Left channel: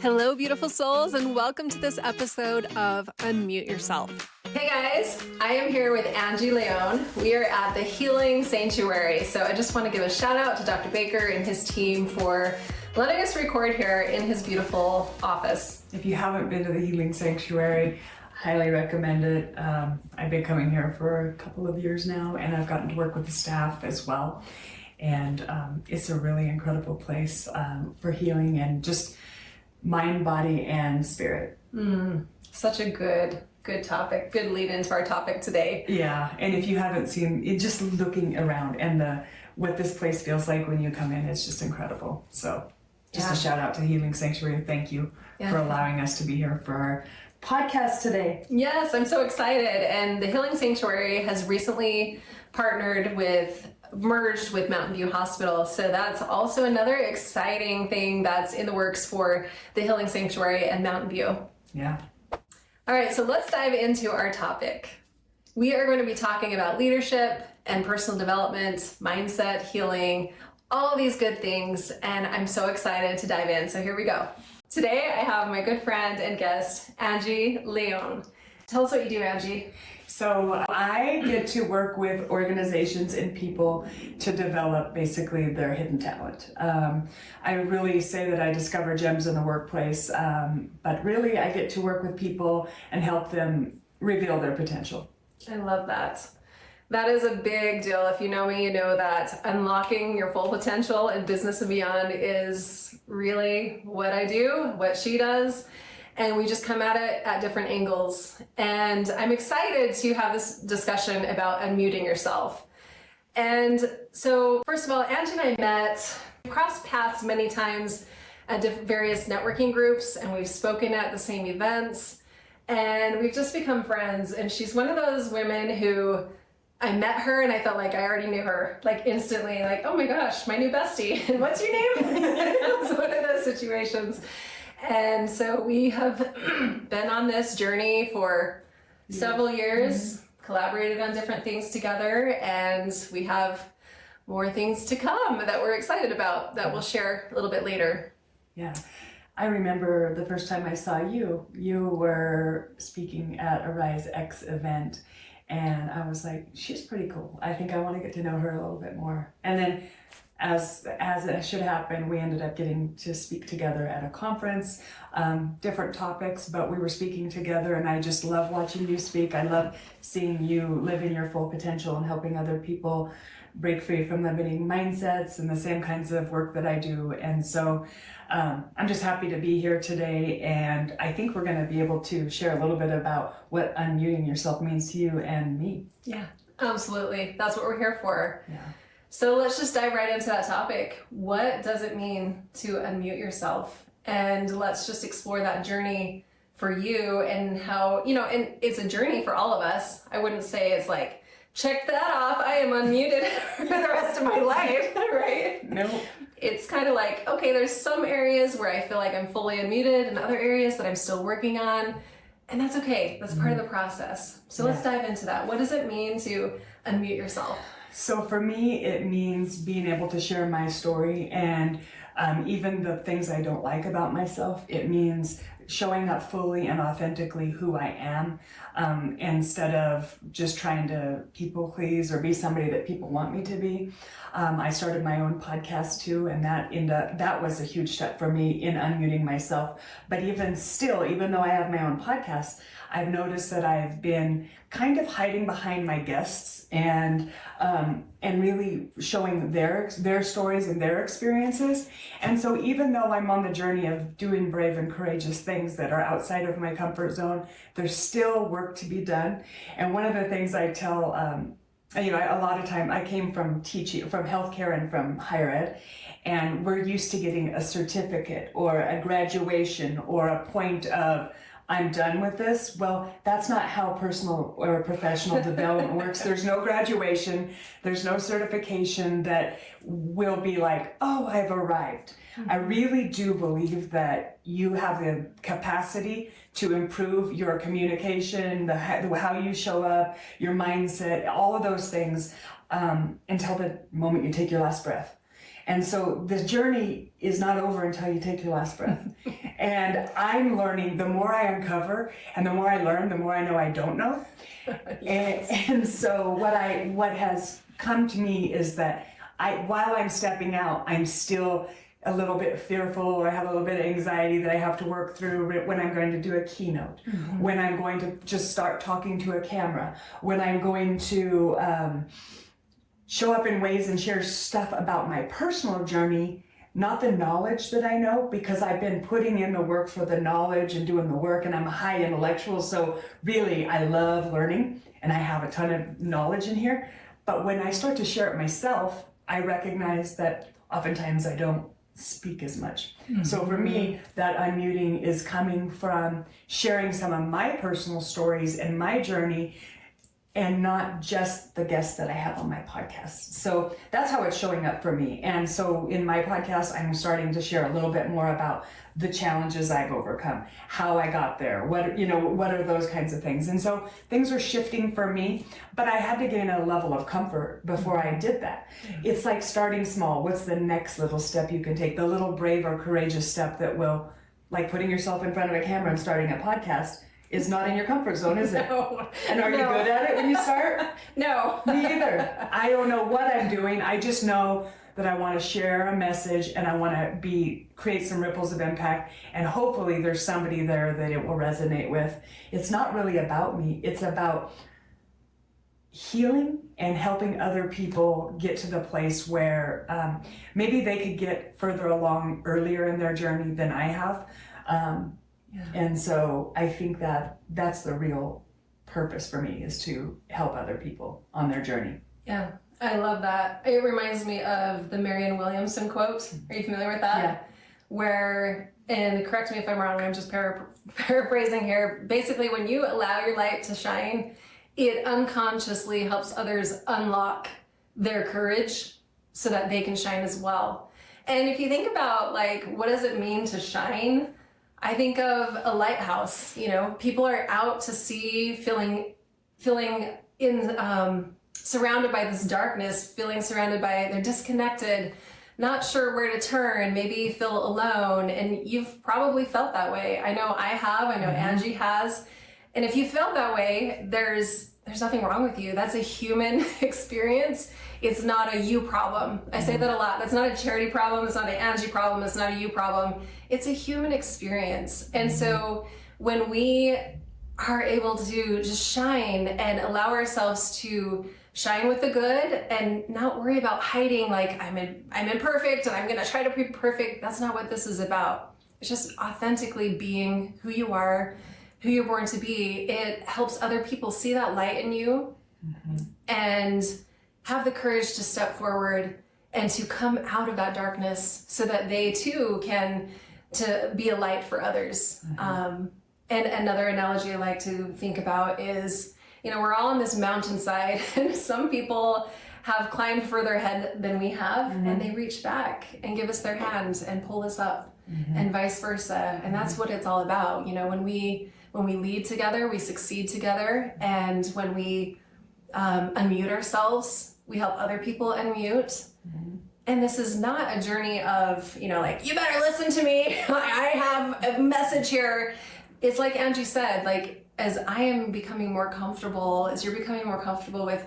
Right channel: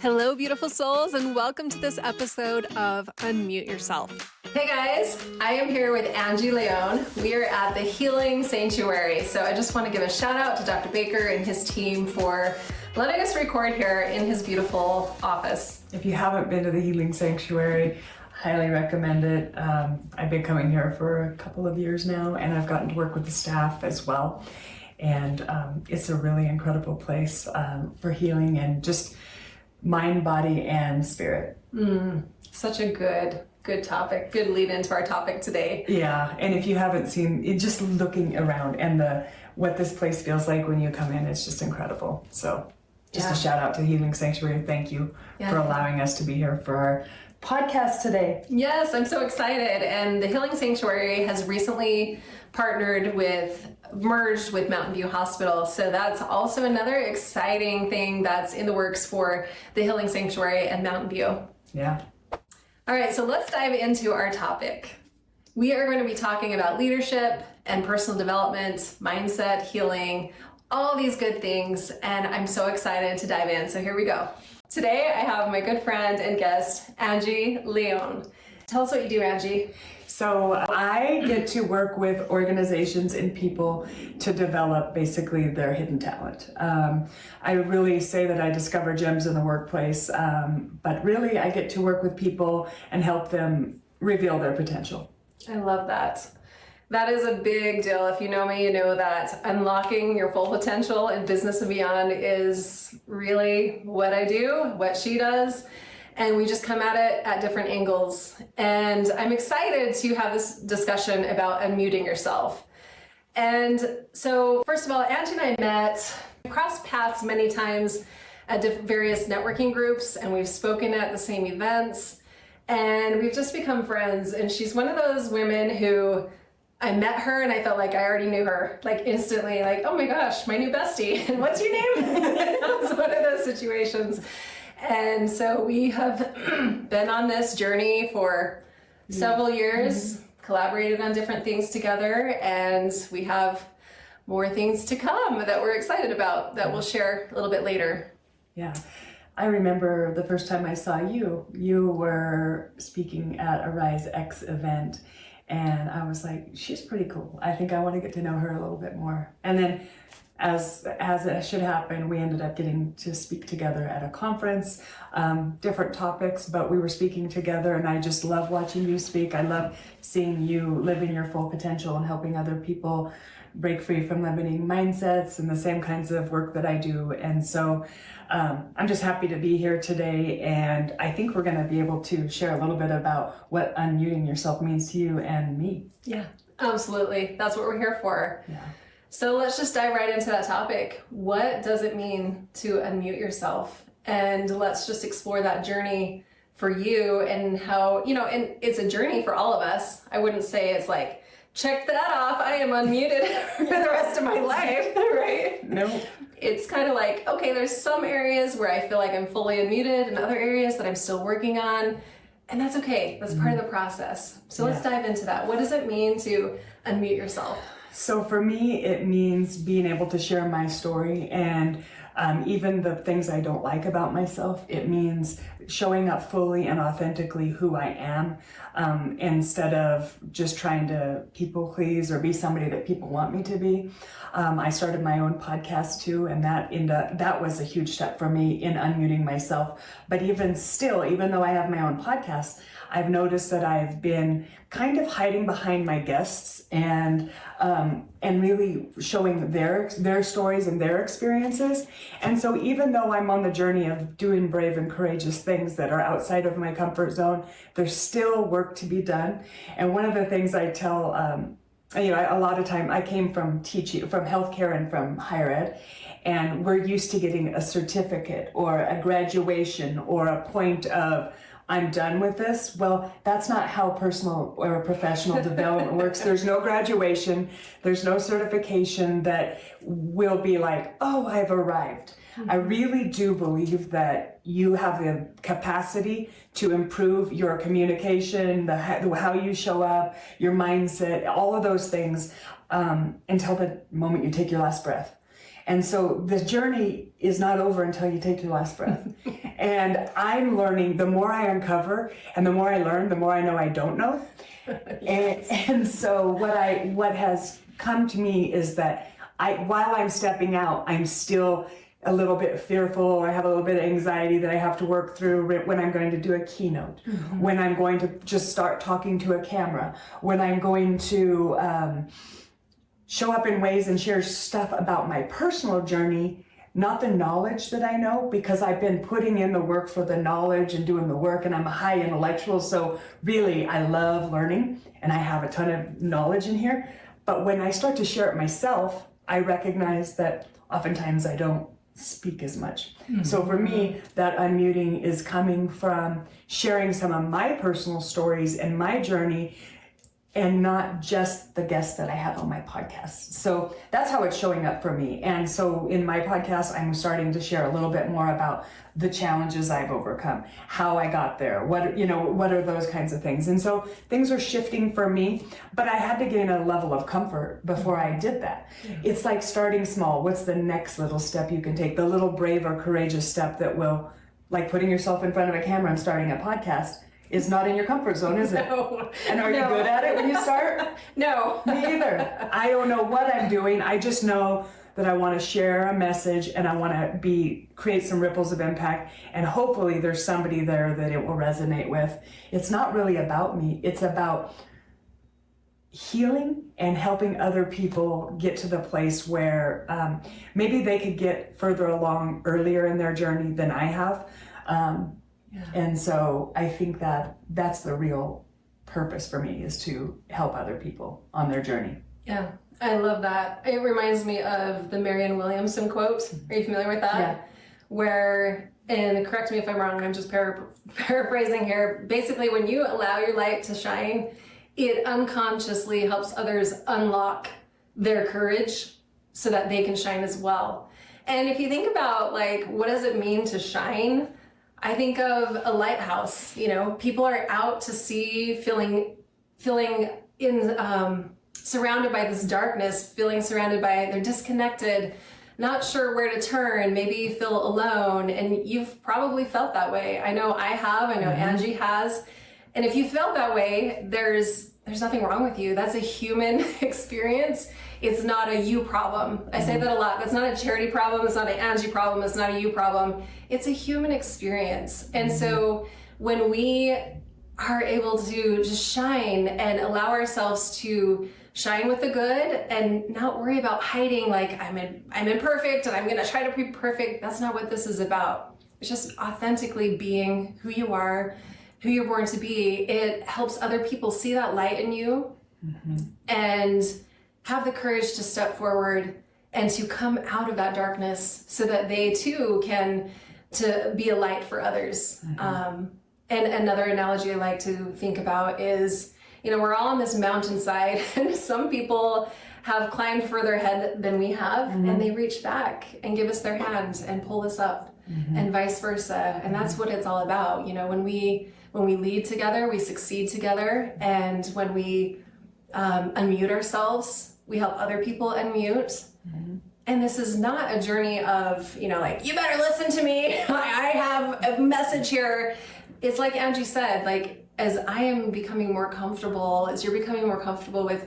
Hello, beautiful souls, and welcome to this episode of Unmute Yourself. Hey guys, I am here with Angie Lion. We are at the Healing Sanctuary. So I just want to give a shout out to Dr. Baker and his team for letting us record here in his beautiful office. If you haven't been to the Healing Sanctuary, highly recommend it. I've been coming here for a couple of years now, and I've gotten to work with the staff as well. And it's a really incredible place for healing and just mind, body, and spirit. Such a good topic, good lead into our topic today. Yeah, and if you haven't seen it, just looking around and what this place feels like when you come in is just incredible. So just a shout out to the Healing Sanctuary. Thank you for allowing us to be here for our podcast today. Yes, I'm so excited. And the Healing Sanctuary has recently merged with Mountain View Hospital. So that's also another exciting thing that's in the works for the Healing Sanctuary and Mountain View. Yeah. All right, so let's dive into our topic. We are going to be talking about leadership and personal development, mindset, healing, all these good things. And I'm so excited to dive in. So here we go. Today, I have my good friend and guest, Angie Lion. Tell us what you do, Angie. So I get to work with organizations and people to develop basically their hidden talent. I really say that I discover gems in the workplace, but really I get to work with people and help them reveal their potential. I love that. That is a big deal. If you know me, you know that unlocking your full potential in business and beyond is really what I do, what she does. And we just come at it at different angles. And I'm excited to have this discussion about unmuting yourself. And so, first of all, Angie and I met, crossed paths many times at various networking groups, and we've spoken at the same events, and we've just become friends. And she's one of those women who I met her and I felt like I already knew her, like instantly, like, oh my gosh, my new bestie. And what's your name? It was one of those situations. And so we have been on this journey for several years, collaborated on different things together, and we have more things to come that we're excited about that we'll share a little bit later. Yeah. I remember the first time I saw you, you were speaking at a Rise X event, and I was like, she's pretty cool. I think I want to get to know her a little bit more. And then as it should happen, we ended up getting to speak together at a conference, different topics, but we were speaking together, and I just love watching you speak. I love seeing you live in your full potential and helping other people break free from limiting mindsets and the same kinds of work that I do. And so I'm just happy to be here today, and I think we're going to be able to share a little bit about what unmuting yourself means to you and me. Yeah, absolutely. That's what we're here for. Yeah. So let's just dive right into that topic. What does it mean to unmute yourself? And let's just explore that journey for you and how, and it's a journey for all of us. I wouldn't say it's like, check that off, I am unmuted for the rest of my life, right? No. It's kind of like, okay, there's some areas where I feel like I'm fully unmuted and other areas that I'm still working on. And that's okay. That's part of the process. So let's dive into that. What does it mean to unmute yourself? So for me, it means being able to share my story and even the things I don't like about myself. It means showing up fully and authentically who I am, instead of just trying to people please or be somebody that people want me to be. I started my own podcast too, and that was a huge step for me in unmuting myself. But even still, even though I have my own podcast, I've noticed that I've been kind of hiding behind my guests and really showing their stories and their experiences. And so even though I'm on the journey of doing brave and courageous things that are outside of my comfort zone, there's still work to be done. And one of the things I tell, a lot of time I came from teaching, from healthcare and from higher ed, and we're used to getting a certificate or a graduation or a point of I'm done with this. Well, that's not how personal or professional development works. There's no graduation. There's no certification that will be like, oh, I've arrived. I really do believe that you have the capacity to improve your communication, how you show up, your mindset, all of those things until the moment you take your last breath. And so the journey is not over until you take your last breath. And I'm learning, the more I uncover and the more I learn, the more I know I don't know. Yes. And so what has come to me is that while I'm stepping out, I'm still a little bit fearful, or I have a little bit of anxiety that I have to work through when I'm going to do a keynote, when I'm going to just start talking to a camera, when I'm going to show up in ways and share stuff about my personal journey, not the knowledge that I know, because I've been putting in the work for the knowledge and doing the work, and I'm a high intellectual, so really I love learning and I have a ton of knowledge in here. But when I start to share it myself, I recognize that oftentimes I don't speak as much. So for me, that unmuting is coming from sharing some of my personal stories and my journey, and not just the guests that I have on my podcast. So that's how it's showing up for me. And so in my podcast, I'm starting to share a little bit more about the challenges I've overcome, how I got there, what are those kinds of things. And so things are shifting for me, but I had to gain a level of comfort before I did that. It's like starting small. What's the next little step you can take? The little brave or courageous step that will, like putting yourself in front of a camera and starting a podcast, is not in your comfort zone, is it? No. And are you good at it when you start? No. Me either. I don't know what I'm doing. I just know that I want to share a message, and I want to create some ripples of impact, and hopefully there's somebody there that it will resonate with. It's not really about me. It's about healing and helping other people get to the place where maybe they could get further along earlier in their journey than I have. And so I think that that's the real purpose for me, is to help other people on their journey. Yeah, I love that. It reminds me of the Marianne Williamson quote. Are you familiar with that? Yeah. Where, and correct me if I'm wrong, I'm just paraphrasing here. Basically, when you allow your light to shine, it unconsciously helps others unlock their courage so that they can shine as well. And if you think about, like, what does it mean to shine? I think of a lighthouse. People are out to sea, feeling surrounded by this darkness, they're disconnected, not sure where to turn, maybe feel alone. And you've probably felt that way. I know I have, I know Angie has. And if you felt that way, there's nothing wrong with you. That's a human experience. It's not a you problem. I say that a lot. That's not a Charity problem. It's not an Angie problem. It's not a you problem. It's a human experience. And so when we are able to just shine and allow ourselves to shine with the good and not worry about hiding, like I'm imperfect and I'm going to try to be perfect. That's not what this is about. It's just authentically being who you are, who you're born to be. It helps other people see that light in you and have the courage to step forward and to come out of that darkness so that they too can to be a light for others. And another analogy I like to think about is, we're all on this mountainside, and some people have climbed further ahead than we have, and they reach back and give us their hand and pull us up, and vice versa. And that's what it's all about. When we lead together, we succeed together, and when we unmute ourselves, we help other people unmute. And this is not a journey of, like, you better listen to me. I have a message here. It's like Angie said, like, as I am becoming more comfortable, as you're becoming more comfortable with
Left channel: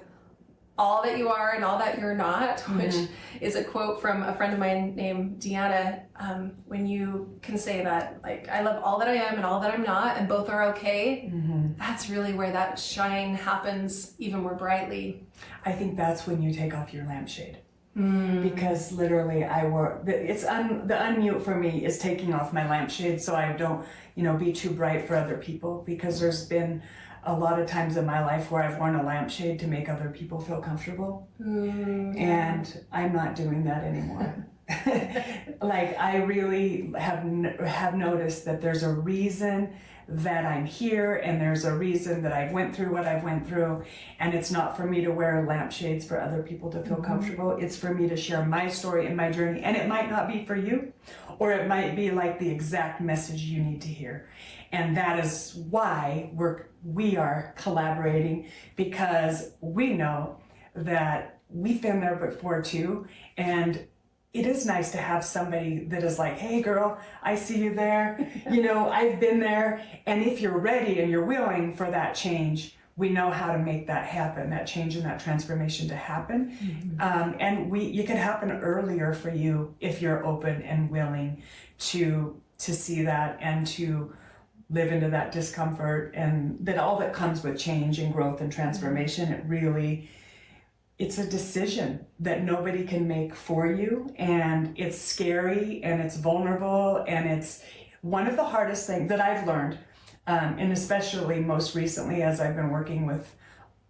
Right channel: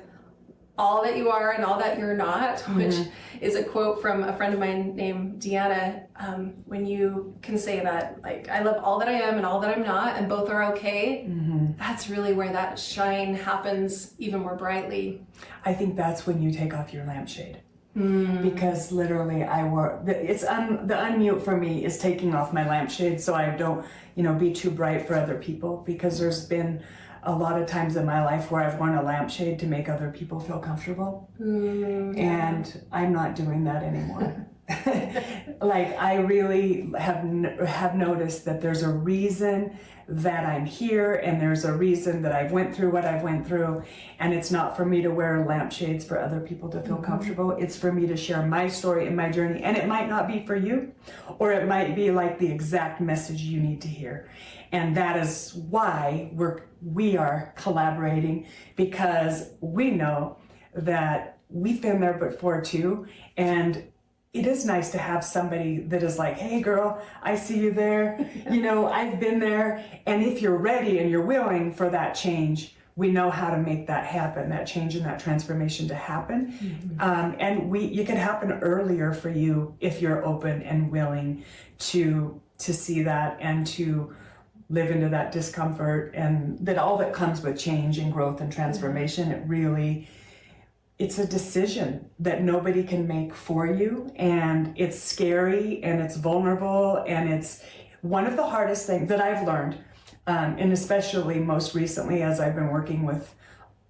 all that you are and all that you're not, which is a quote from a friend of mine named Deanna, when you can say that, like, I love all that I am and all that I'm not, and both are okay, that's really where that shine happens even more brightly. I think that's when you take off your lampshade. Because literally the unmute for me is taking off my lampshade so I don't, be too bright for other people, because there's been a lot of times in my life where I've worn a lampshade to make other people feel comfortable. And I'm not doing that anymore. Like, I really have noticed that there's a reason that I'm here, and there's a reason that I went through what I went through, and it's not for me to wear lampshades for other people to feel comfortable. It's for me to share my story and my journey, and it might not be for you, or it might be like the exact message you need to hear. And that is why we are collaborating, because we know that we've been there before too, and it is nice to have somebody that is like, hey girl, I see you there. I've been there. And if you're ready and you're willing for that change, we know how to make that happen, that change and that transformation to happen. And it can happen earlier for you if you're open and willing to see that and to live into that discomfort and that all that comes with change and growth and transformation. It's a decision that nobody can make for you, and it's scary and it's vulnerable, and it's one of the hardest things that I've learned, and especially most recently as I've been working with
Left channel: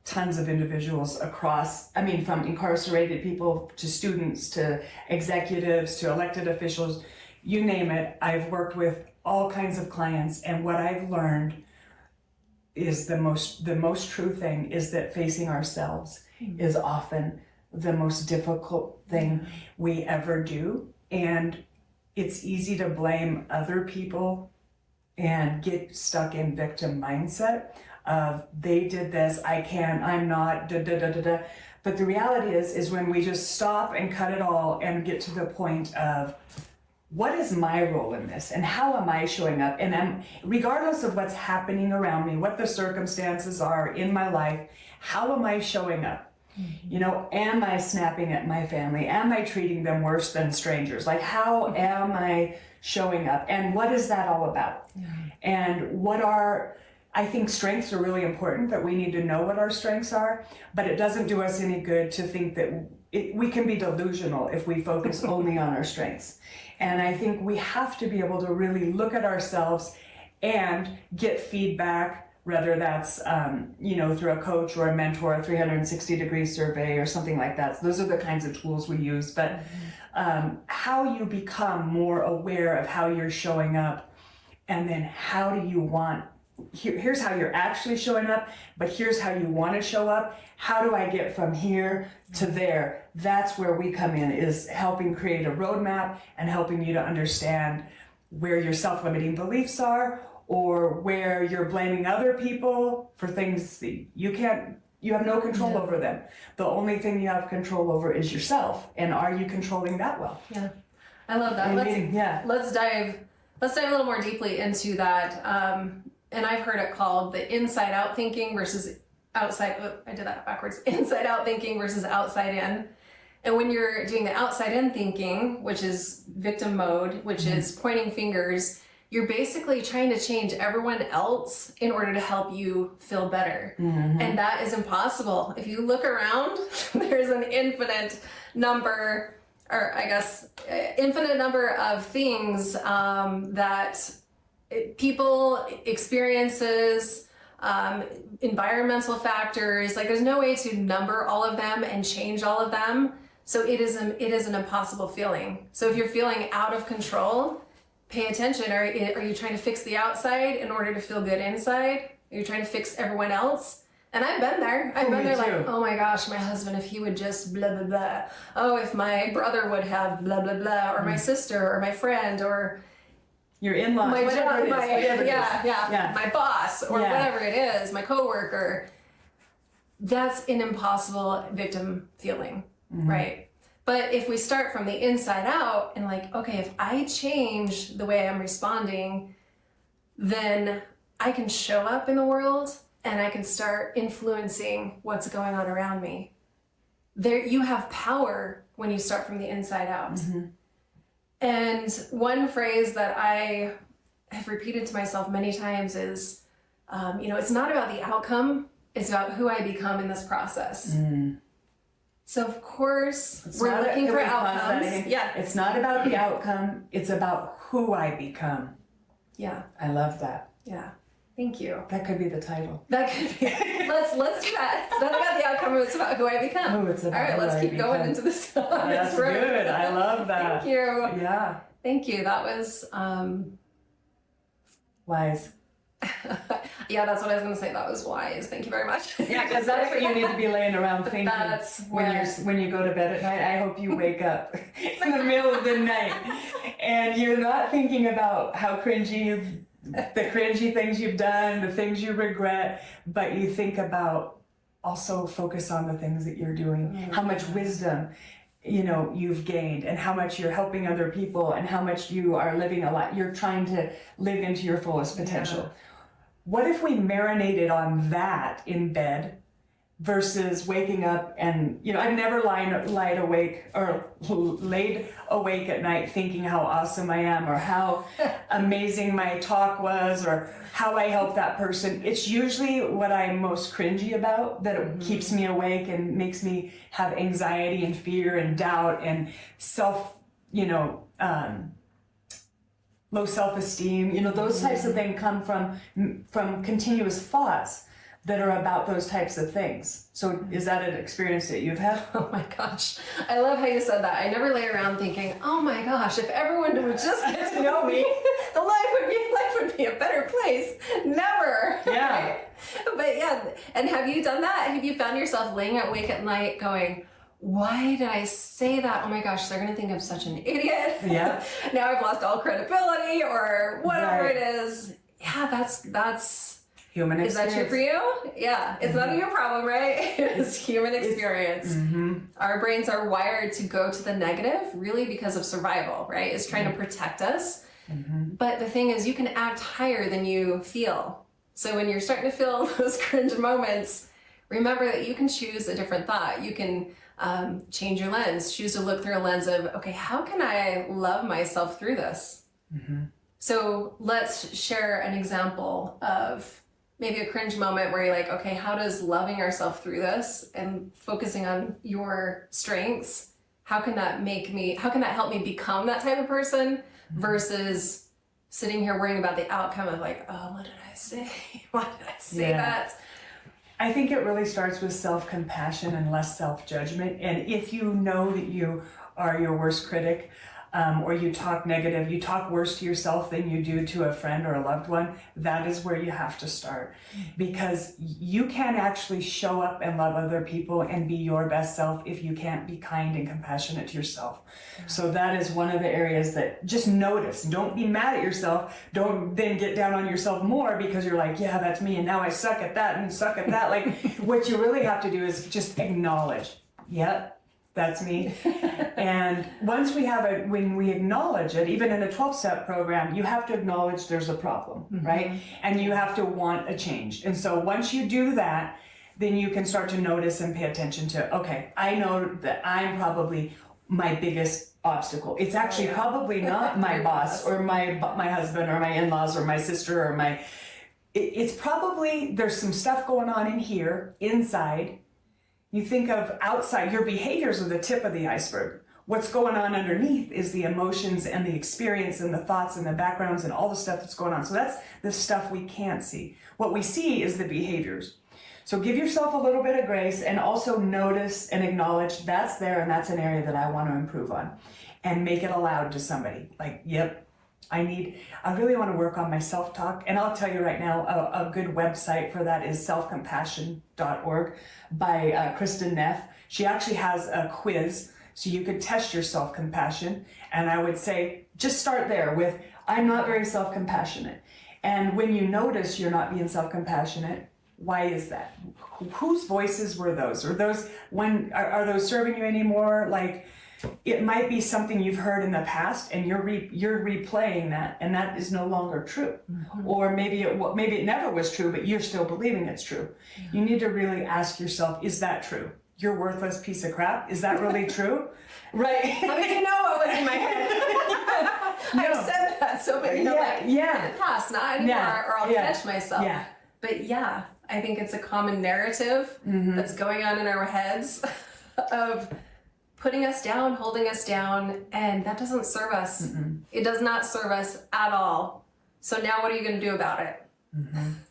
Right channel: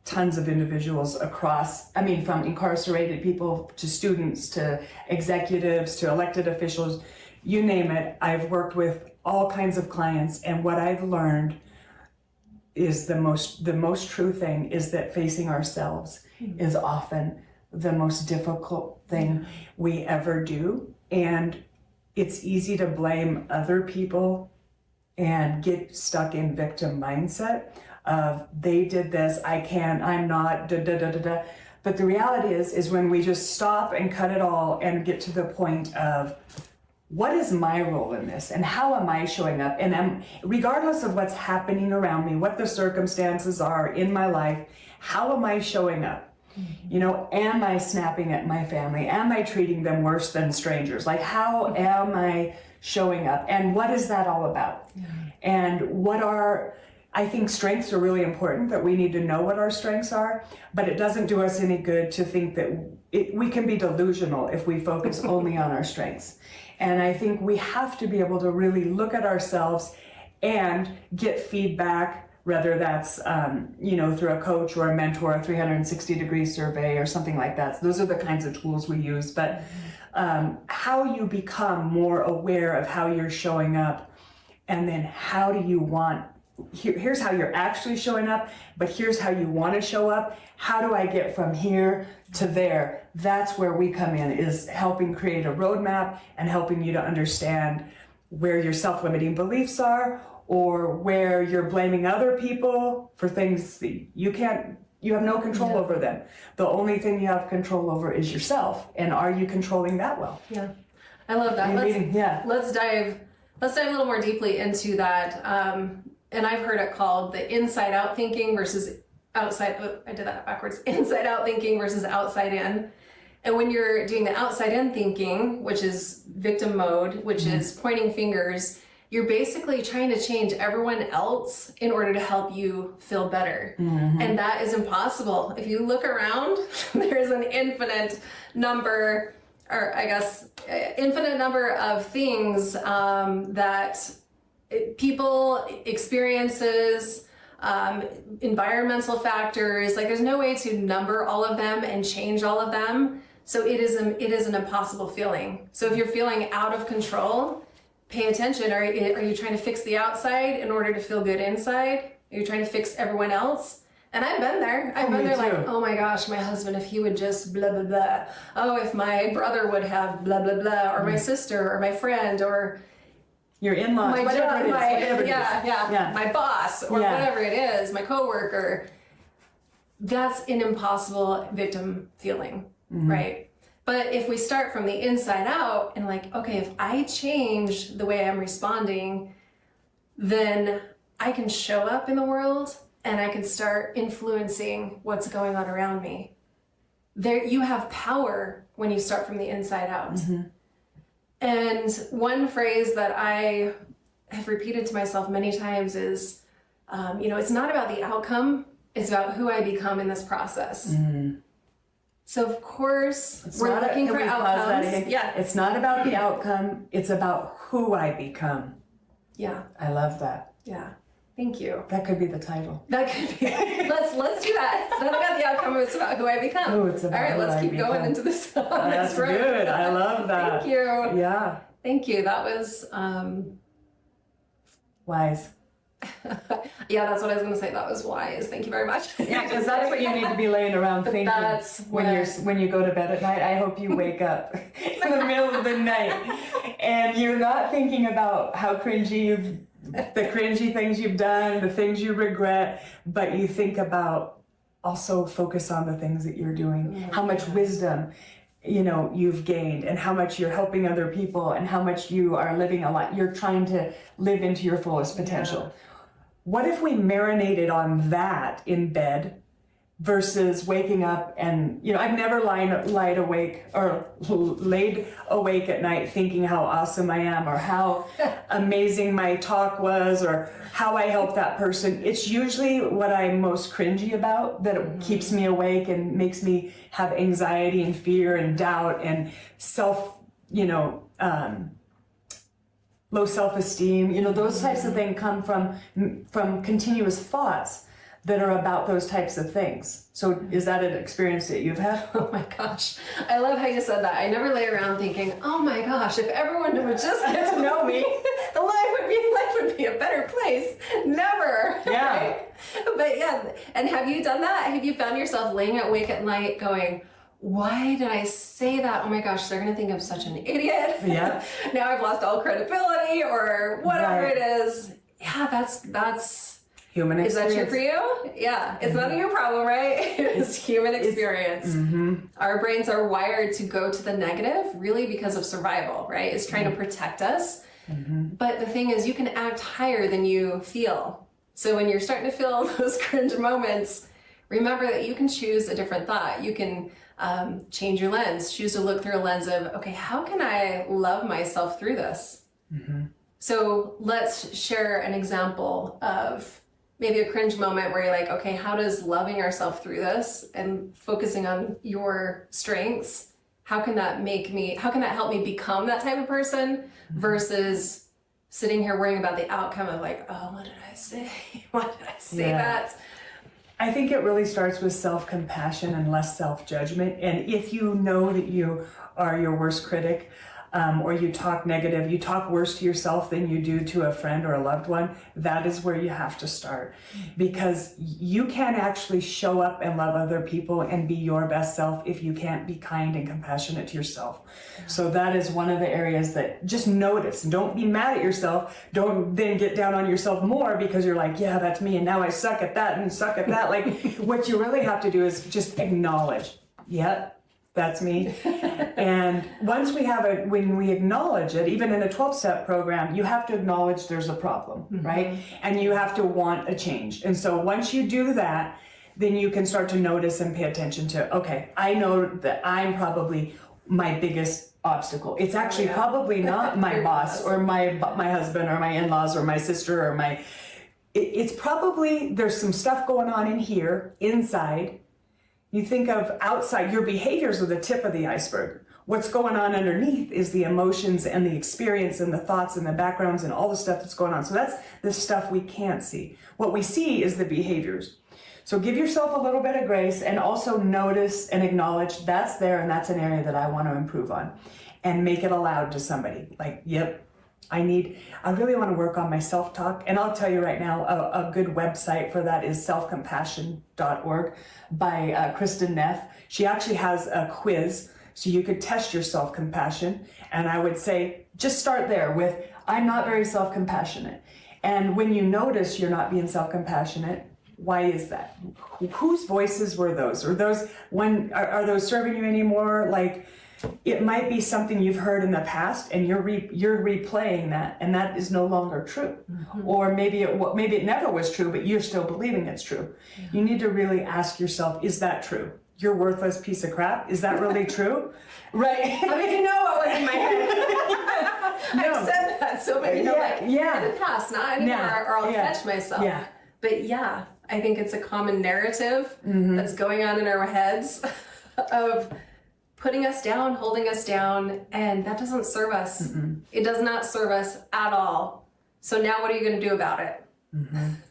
tons of individuals from incarcerated people to students to executives to elected officials, you name it. I've worked with all kinds of clients, and what I've learned is the most true thing is that facing ourselves is often the most difficult thing we ever do. And it's easy to blame other people and get stuck in victim mindset of they did this, I can't, I'm not, da da da da da. But the reality is when we just stop and cut it all and get to the point of what is my role in this and how am I showing up? And regardless of what's happening around me, what the circumstances are in my life, how am I showing up? Am I snapping at my family? Am I treating them worse than strangers? Like, how am I showing up? And what is that all about? And I think strengths are really important, that we need to know what our strengths are, but it doesn't do us any good to think that we can be delusional if we focus only on our strengths. And I think we have to be able to really look at ourselves and get feedback, whether that's, through a coach or a mentor, a 360-degree survey or something like that. So those are the kinds of tools we use. But how you become more aware of how you're showing up, and then how do you here's how you're actually showing up, but here's how you want to show up. How do I get from here to there? That's where we come in, is helping create a roadmap and helping you to understand where your self-limiting beliefs are, or where you're blaming other people for things that you have no control over them. The only thing you have control over is yourself. And are you controlling that well? Yeah, I love that. Let's dive a little more deeply into that. And I've heard it called the inside out thinking versus I did that backwards. Inside out thinking versus outside in. And when you're doing the outside in thinking, which is victim mode, which is pointing fingers, you're basically trying to change everyone else in order to help you feel better. And that is impossible. If you look around, there's an infinite number of things that people, experiences, environmental factors, like there's no way to number all of them and change all of them. So it is an impossible feeling. So if you're feeling out of control, pay attention. Are you trying to fix the outside in order to feel good inside? Are you trying to fix everyone else? And I've been there. I've been there too. Like, oh my gosh, my husband, if he would just blah, blah, blah. Oh, if my brother would have blah, blah, blah. Or my sister or my friend or your in-laws, whatever it is. Yeah, my boss or whatever it is, my coworker. That's an impossible victim feeling, right? But if we start from the inside out and like, okay, if I change the way I'm responding, then I can show up in the world and I can start influencing what's going on around me. There, you have power when you start from the inside out. And one phrase that I have repeated to myself many times is, it's not about the outcome, it's about who I become in this process. So of course, we're looking for outcomes. It's not about the outcome, it's about who I become. Yeah. I love that. Yeah. Thank you. That could be the title. That could be. Let's do that. It's not about the outcome, it's about who I become. Oh, it's about all right, let's keep going into this. That's good. I love that. Thank you. Yeah. Thank you. That was wise. Yeah, that's what I was going to say. That was wise. Thank you very much. Yeah, because that's what you need to be laying around thinking. That's when you go to bed at night. I hope you wake up in the middle of the night and you're not thinking about how the cringy things you've done, the things you regret, but you think about also focus on the things that you're doing, how much wisdom you've gained, and how much you're helping other people, and how much you are living a lot. You're trying to live into your fullest potential. Yeah. What if we marinated on that in bed versus waking up and, I've never laid awake at night thinking how awesome I am, or how amazing my talk was, or how I helped that person. It's usually what I'm most cringy about that it keeps me awake and makes me have anxiety and fear and doubt and low self-esteem. Those types of things come from continuous thoughts that are about those types of things. So is that an experience that you've had? Oh my gosh. I love how you said that. I never lay around thinking, oh my gosh, if everyone would just get to know me, the life would be a better place. Never. Yeah. Right? But yeah, and have you done that? Have you found yourself laying awake at night going, why did I say that? Oh my gosh, they're gonna think I'm such an idiot. Yeah. Now I've lost all credibility or whatever Right. it is. Yeah, that's Human Is that experience. true for you? Yeah. It's none of your problem, right? It is human experience. Our brains are wired to go to the negative really because of survival, right? It's trying to protect us. But the thing is, you can act higher than you feel. So when you're starting to feel those cringe moments, remember that you can choose a different thought. You can change your lens, choose to look through a lens of, okay, how can I love myself through this? So let's share an example of maybe a cringe moment where you're like, okay, how does loving ourselves through this and focusing on your strengths, how can that help me become that type of person versus sitting here worrying about the outcome of like, oh, what did I say? Why did I say that? I think it really starts with self-compassion and less self-judgment. And if you know that you are your worst critic, or you talk negative, you talk worse to yourself than you do to a friend or a loved one, that is where you have to start. Because you can't actually show up and love other people and be your best self if you can't be kind and compassionate to yourself. So that is one of the areas that just notice. Don't be mad at yourself. Don't then get down on yourself more because you're like, yeah, that's me, and now I suck at that and suck at that. Like, what you really have to do is just acknowledge, yep, that's me. And once when we acknowledge it, even in a 12-step program, you have to acknowledge there's a problem, right? And you have to want a change. And so once you do that, then you can start to notice and pay attention to, okay, I know that I'm probably my biggest obstacle. It's actually probably not my boss or my husband or my in-laws or my sister or it's probably, there's some stuff going on in here, inside. You think of outside, your behaviors are the tip of the iceberg. What's going on underneath is the emotions and the experience and the thoughts and the backgrounds and all the stuff that's going on. So that's the stuff we can't see. What we see is the behaviors. So give yourself a little bit of grace and also notice and acknowledge that's there and that's an area that I want to improve on. And make it aloud to somebody. Like, yep, I really want to work on my self-talk. And I'll tell you right now, a good website for that is selfcompassion.org. by Kristen Neff. She actually has a quiz so you could test your self-compassion. And I would say, just start there with, I'm not very self-compassionate. And when you notice you're not being self-compassionate, why is that? Whose voices were those? Are those serving you anymore? Like, it might be something you've heard in the past and you're replaying that, and that is no longer true. Or maybe it never was true, but you're still believing it's true. You need to really ask yourself, is that true? You're worthless piece of crap. Is that really true? Right? How did you know what was in my head? I've said that so many, in the past, not anymore, or I'll catch myself. Yeah. But yeah, I think it's a common narrative that's going on in our heads of putting us down, holding us down, and that doesn't serve us. It does not serve us at all. So now what are you going to do about it?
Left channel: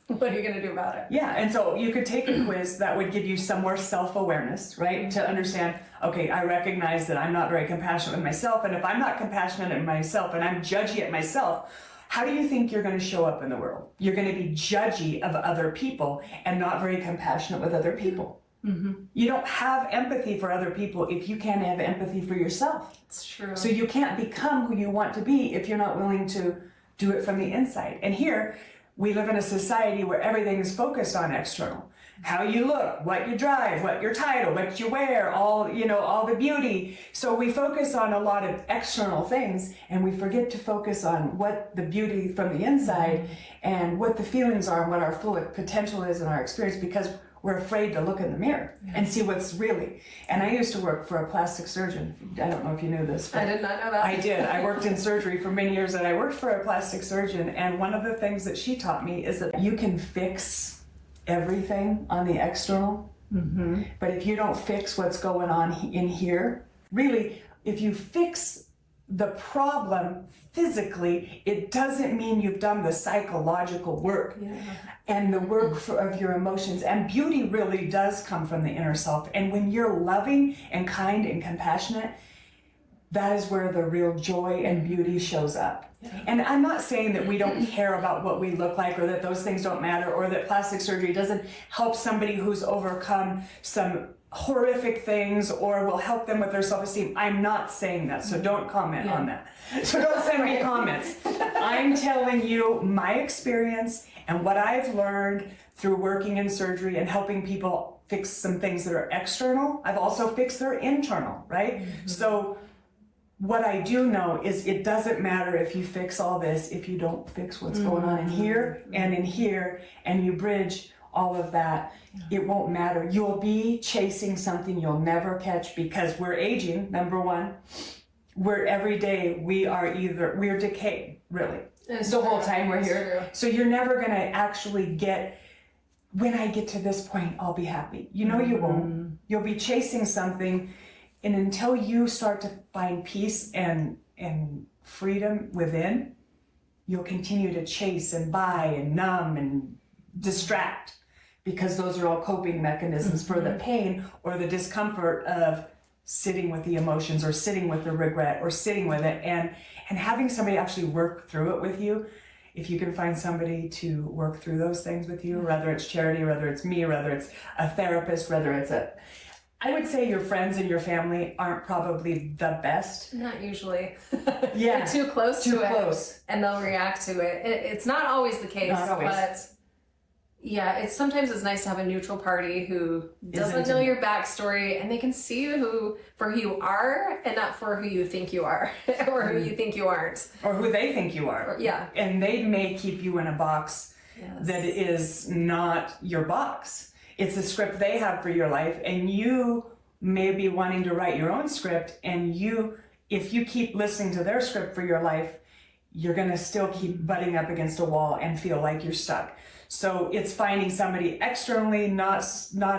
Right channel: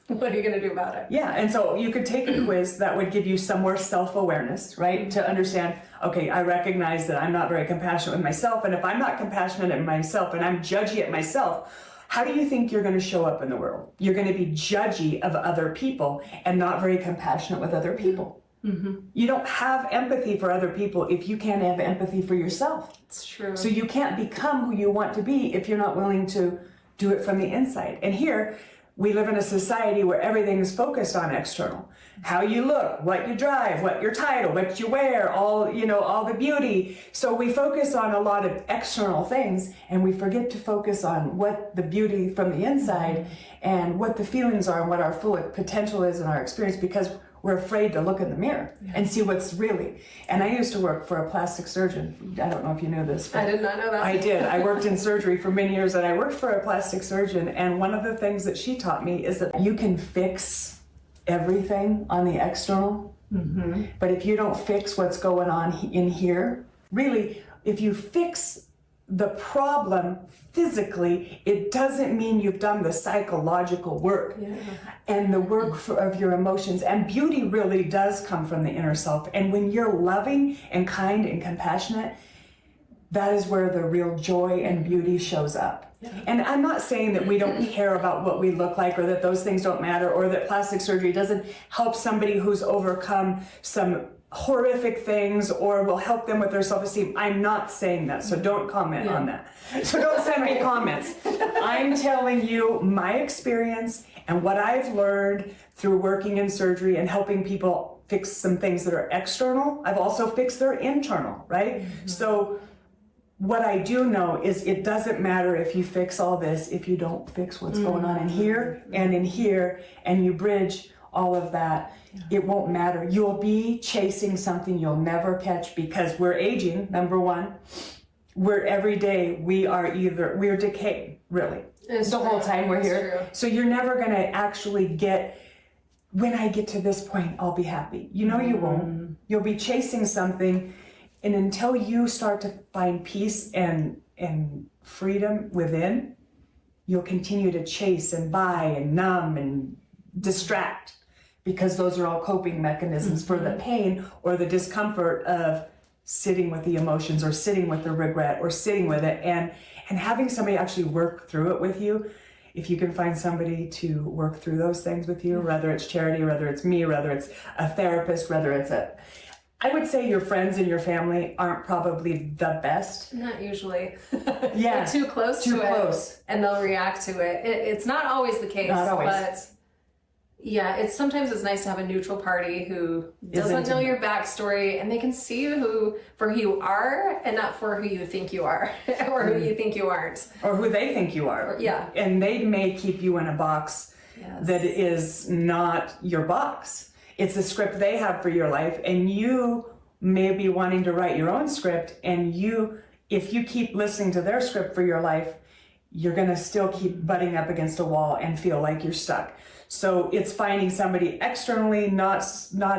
What are you going to do about it? Yeah, and so you could take a quiz that would give you some more self-awareness, right? To understand, okay, I recognize that I'm not very compassionate with myself, and if I'm not compassionate at myself and I'm judgy at myself, how do you think you're going to show up in the world? You're going to be judgy of other people and not very compassionate with other people. You don't have empathy for other people if you can't have empathy for yourself. It's true. So you can't become who you want to be if you're not willing to do it from the inside. And here, we live in a society where everything is focused on external. how you look, what you drive, what your title, what you wear, all, you know, all the beauty. So we focus on a lot of external things and we forget to focus on what the beauty from the inside and what the feelings are and what our full potential is in our experience, because we're afraid to look in the mirror and see what's really. And I used to work for a plastic surgeon. I don't know if you knew this. I did not know that. I did. I worked in surgery for many years, and I worked for a plastic surgeon. And one of the things that she taught me is that you can fix everything on the external, but if you don't fix what's going on in here, really, if you fix the problem physically, it doesn't mean you've done the psychological work and the work of your emotions. And beauty really does come from the inner self. And when you're loving and kind and compassionate, that is where the real joy and beauty shows up. And I'm not saying that we don't care about what we look like, or that those things don't matter, or that plastic surgery doesn't help somebody who's overcome some horrific things or will help them with their self-esteem. I'm not saying that, so don't comment on that. So don't send me comments. I'm telling you my experience and what I've learned through working in surgery and helping people fix some things that are external. I've also fixed their internal, right? So what I do know is it doesn't matter if you fix all this if you don't fix what's going on in here and in here, and you bridge all of that. It won't matter. You'll be chasing something you'll never catch, because we're aging, number one. We're every day we're decaying, really. It's the true. whole time we're It's here. true. So you're never gonna actually get, when I get to this point, I'll be happy. You know you won't. You'll be chasing something, and until you start to find peace and freedom within, you'll continue to chase and buy and numb and distract, because those are all coping mechanisms for the pain or the discomfort of sitting with the emotions or sitting with the regret or sitting with it, and having somebody actually work through it with you. If you can find somebody to work through those things with you, whether it's charity, whether it's me, whether it's a therapist, whether it's I would say your friends and your family aren't probably the best. Not usually. Yeah. They're too close Too to close. it, and they'll react to it. It's not always the case, Not always. but yeah, sometimes it's nice to have a neutral party who doesn't know your backstory, and they can see you for who you are and not for who you think you are or who you think you aren't. Or who they think you are. Yeah. And they may keep you in a box Yes. that is not your box. It's a script they have for your life, and you may be wanting to write your own script, and if you keep listening to their script for your life, you're gonna still keep butting up against a wall and feel like you're stuck. So it's finding somebody externally, not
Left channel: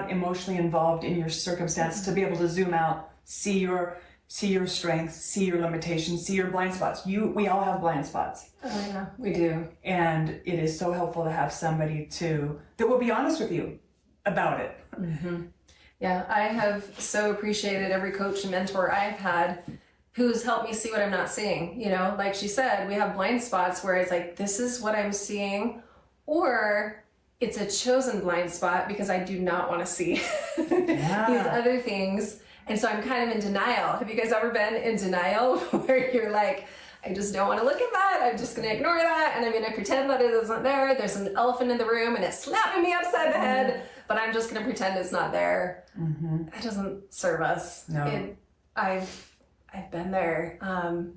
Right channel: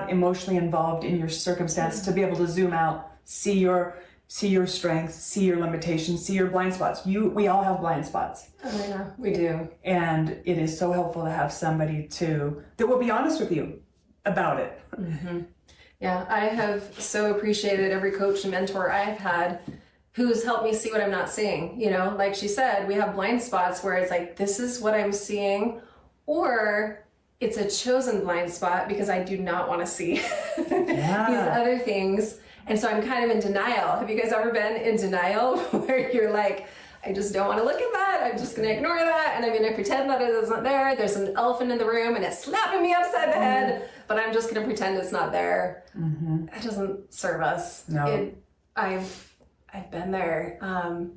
emotionally involved in your circumstance, to be able to zoom out, see your strengths, see your limitations, see your blind spots. We all have blind spots. Oh yeah, we do. And it is so helpful to have somebody that will be honest with you about it. Yeah, I have so appreciated every coach and mentor I've had who's helped me see what I'm not seeing. You know, like she said, we have blind spots where it's like, this is what I'm seeing, or it's a chosen blind spot because I do not want to see these other things. And so I'm kind of in denial. Have you guys ever been in denial where you're like, I just don't want to look at that. I'm just going to ignore that. And I'm going to pretend that it isn't there. There's an elephant in the room and it's slapping me upside the head, but I'm just going to pretend it's not there. That doesn't serve us. No. I've been there.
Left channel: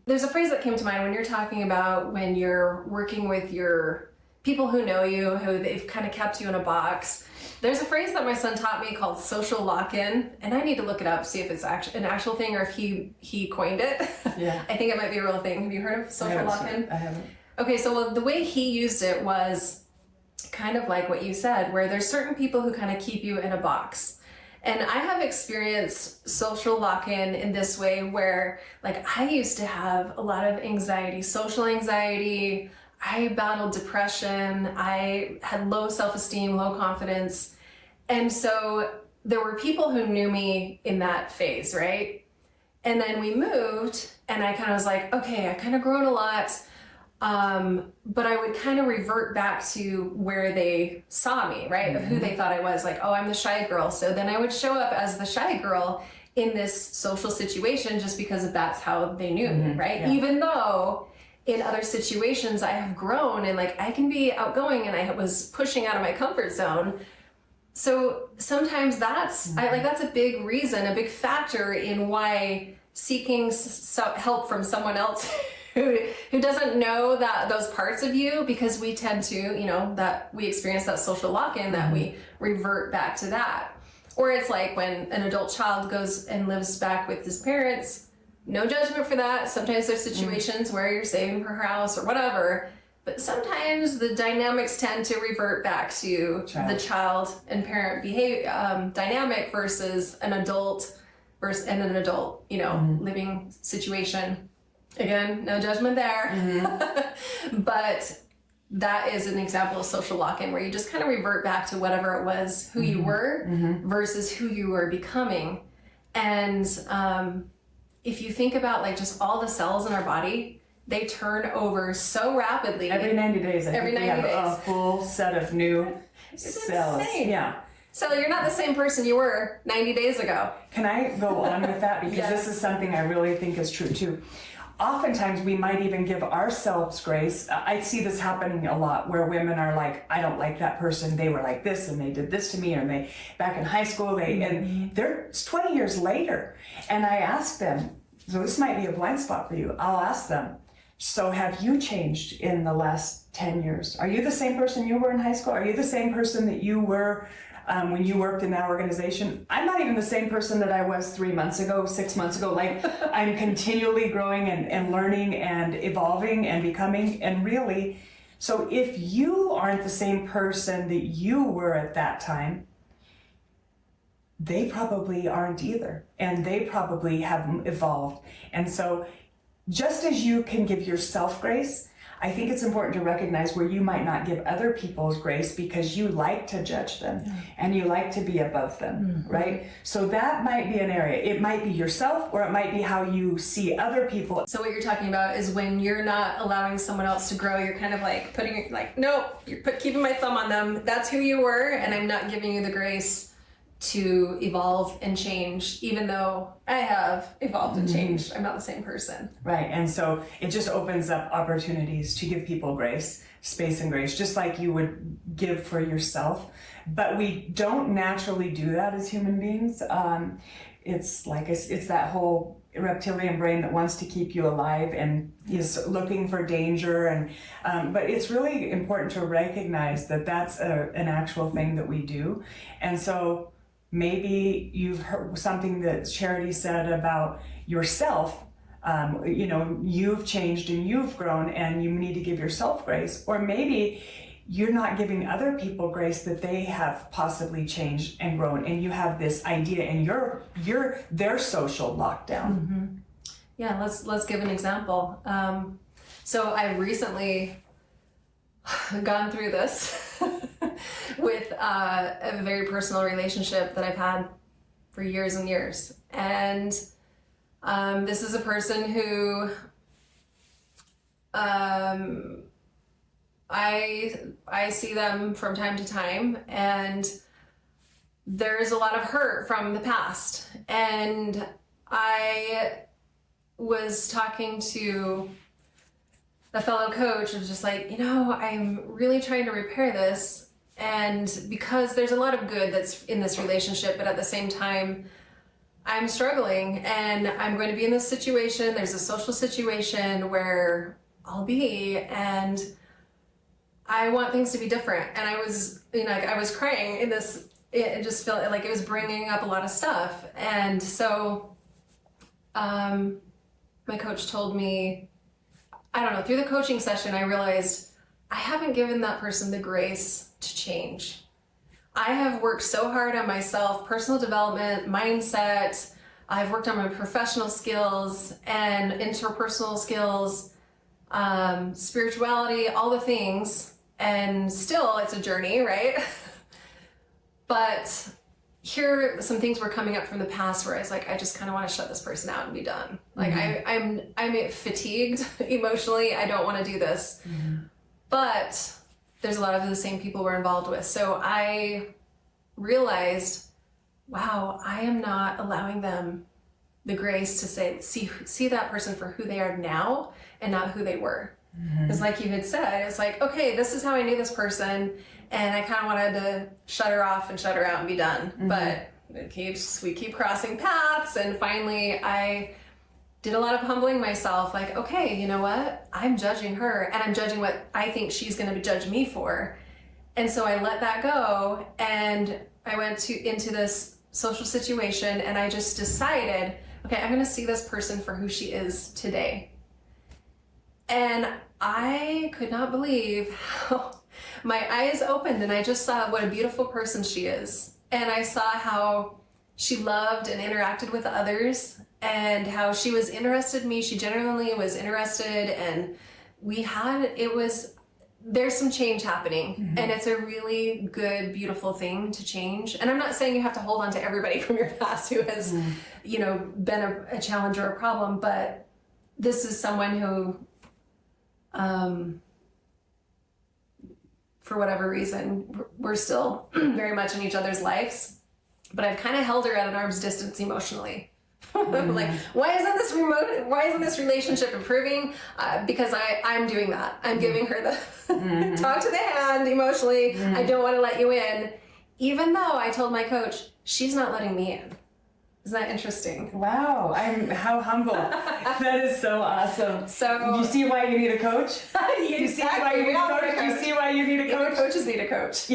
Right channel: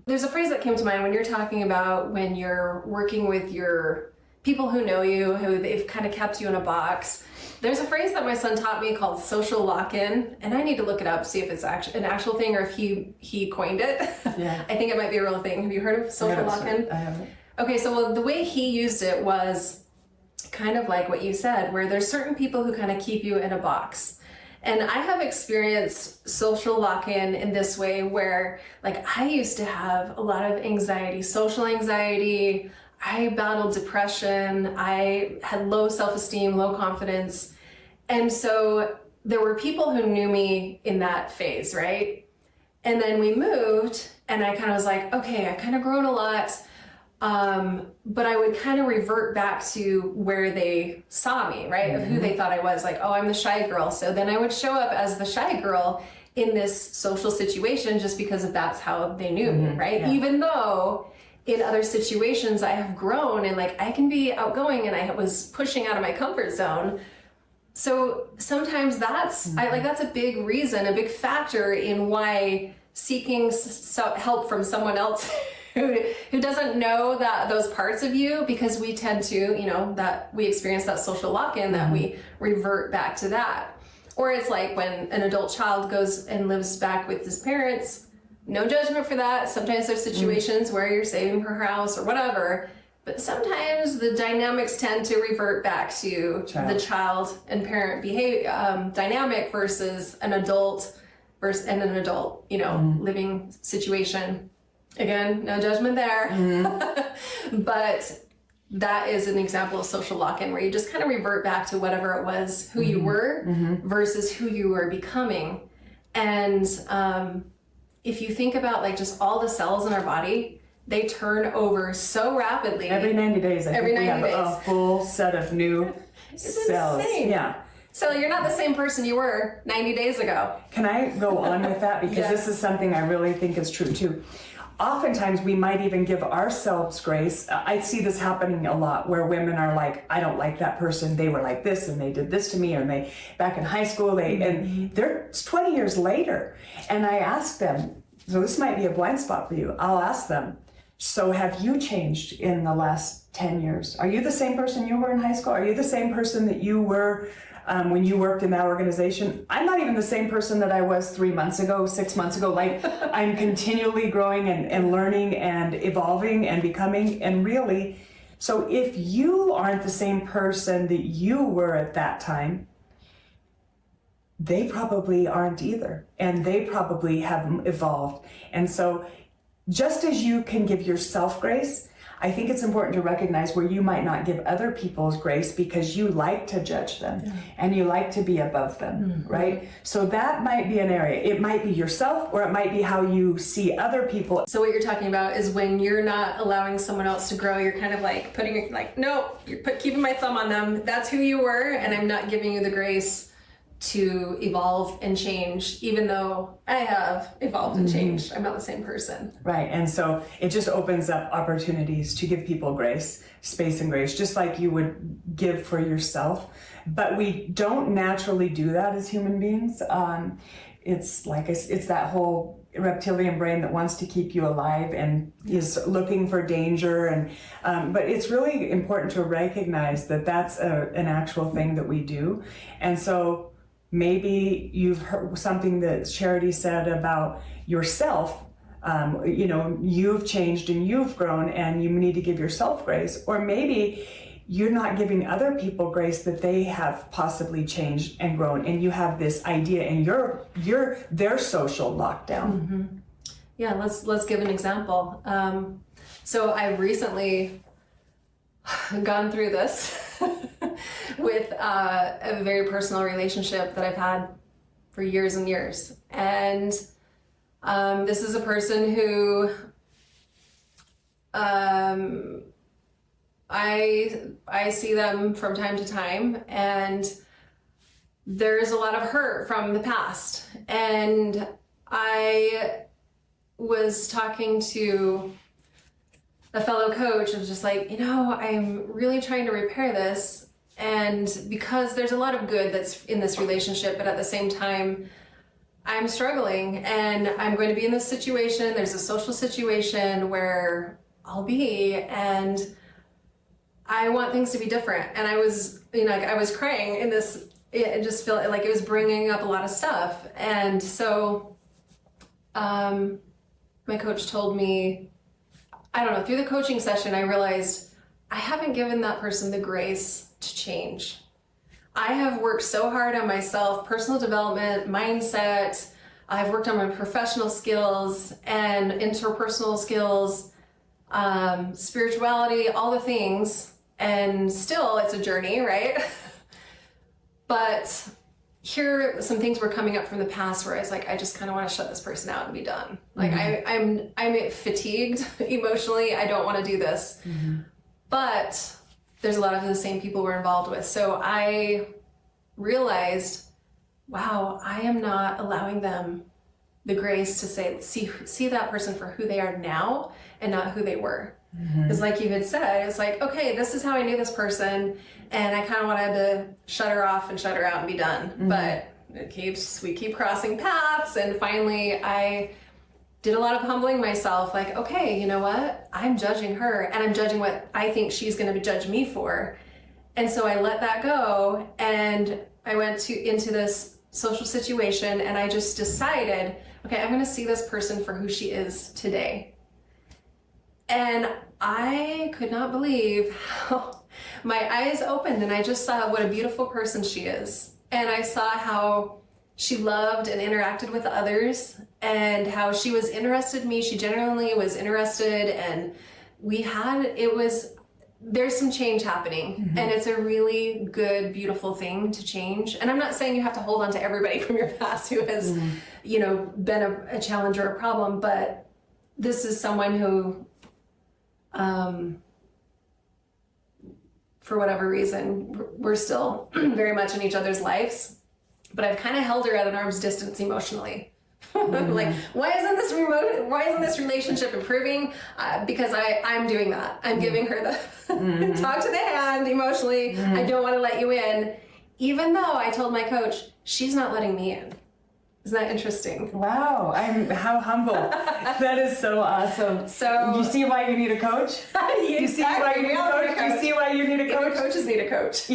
There's a phrase that came to mind when you're talking about when you're working with your people who know you, who they've kind of kept you in a box. There's a phrase that my son taught me called social lock-in, and I need to look it up, see if it's an actual thing or if he coined it. Yeah. I think it might be a real thing. Have you heard of social lock-in? I haven't. Okay, so the way he used it was kind of like what you said, where there's certain people who kind of keep you in a box. And I have experienced social lock-in in this way where, like, I used to have a lot of anxiety, social anxiety. I battled depression. I had low self-esteem, low confidence. And so there were people who knew me in that phase, right? And then we moved, and I kind of was like, okay, I've kind of grown a lot. But I would kind of revert back to where they saw me, right? Of who they thought I was, like, oh, I'm the shy girl. So then I would show up as the shy girl in this social situation just because that's how they knew me, right? Yeah. Even though in other situations I have grown and like I can be outgoing and I was pushing out of my comfort zone, So sometimes that's that's a big reason, a big factor in why seeking help from someone else who doesn't know that those parts of you, because we tend to, that we experience that social lock-in, that we revert back to that. Or it's like when an adult child goes and lives back with his parents, no judgment for that. Sometimes there's situations where you're saving for her house or whatever, but sometimes the dynamics tend to revert back to the child and parent behavior dynamic versus an adult living situation. Again, no judgment there. But that is an example of social lock-in, where you just kind of revert back to whatever it was, who you were versus who you were becoming. And if you think about like just all the cells in our body, they turn over so rapidly. Every 90 days, I think we have a full set of new cells. Insane. Yeah. So you're not the same person you were 90 days ago. Can I go on with that? Because this is something I really think is true too. Oftentimes we might even give ourselves grace. I see this happening a lot, where women are like, I don't like that person. They were like this and they did this to me, and they back in high school, and they're 20 years later. And I ask them, so this might be a blind spot for you. I'll ask them, so have you changed in the last 10 years? Are you the same person you were in high school? Are you the same person that you were when you worked in that organization? I'm not even the same person that I was 3 months ago, 6 months ago. Like, I'm continually growing and learning and evolving and becoming. And really, so if you aren't the same person that you were at that time, they probably aren't either. And they probably haven't evolved. And so just as you can give yourself grace, I think it's important to recognize where you might not give other people's grace because you like to judge them and you like to be above them, right? So that might be an area. It might be yourself, or it might be how you see other people. So what you're talking about is when you're not allowing someone else to grow, you're kind of like putting, like, no, you're keeping my thumb on them. That's who you were, and I'm not giving you the grace to evolve and change, even though I have evolved and changed. I'm not the same person. Right, and so it just opens up opportunities to give people grace, space and grace, just like you would give for yourself. But we don't naturally do that as human beings. It's like it's that whole reptilian brain that wants to keep you alive and is looking for danger. And but it's really important to recognize that that's an actual thing that we do. And so maybe you've heard something that Charity said about yourself. You've changed and you've grown, and you need to give yourself grace. Or maybe you're not giving other people grace that they have possibly changed and grown, and you have this idea, and you're their social lockdown. Yeah, let's give an example. So I recently gone through this with a very personal relationship that I've had for years and years. And this is a person who I see them from time to time, and there's a lot of hurt from the past. And I was talking to a fellow coach, was just like, I'm really trying to repair this. And because there's a lot of good that's in this relationship, but at the same time, I'm struggling, and I'm going to be in this situation. There's a social situation where I'll be, and I want things to be different. And I was, I was crying in this, it just felt like it was bringing up a lot of stuff. And so, my coach told me, I don't know, through the coaching session, I realized I haven't given that person the grace to change. I have worked so hard on myself, personal development, mindset. I've worked on my professional skills and interpersonal skills, spirituality, all the things. And still, it's a journey, right? But here, some things were coming up from the past where I was like, I just kind of want to shut this person out and be done. Like, I'm fatigued emotionally. I don't want to do this. But there's a lot of the same people we're involved with. So I realized, wow, I am not allowing them the grace to see that person for who they are now and not who they were. It's like you had said, it's like, okay, this is how I knew this person, and I kind of wanted to shut her off and shut her out and be done. But we keep crossing paths, and finally I did a lot of humbling myself, like, okay, you know what? I'm judging her, and I'm judging what I think she's going to judge me for. And so I let that go, and I went into this social situation, and I just decided, okay, I'm going to see this person for who she is today. And I could not believe how my eyes opened, and I just saw what a beautiful person she is. And I saw how she loved and interacted with others, and how she was interested in me. She genuinely was interested, and there's some change happening, and it's a really good, beautiful thing to change. And I'm not saying you have to hold on to everybody from your past who has, been a challenge or a problem, but this is someone who, for whatever reason, we're still very much in each other's lives, but I've kind of held her at an arm's distance emotionally. Like, why isn't this relationship improving? Because I'm doing that. I'm giving her the talk to the hand emotionally. I don't want to let you in, even though I told my coach, she's not letting me in. Isn't that interesting? Wow, how humble. That is so awesome. So you see why you need a coach? You see why you need a coach? You see why you need a coach? Even coaches need a coach.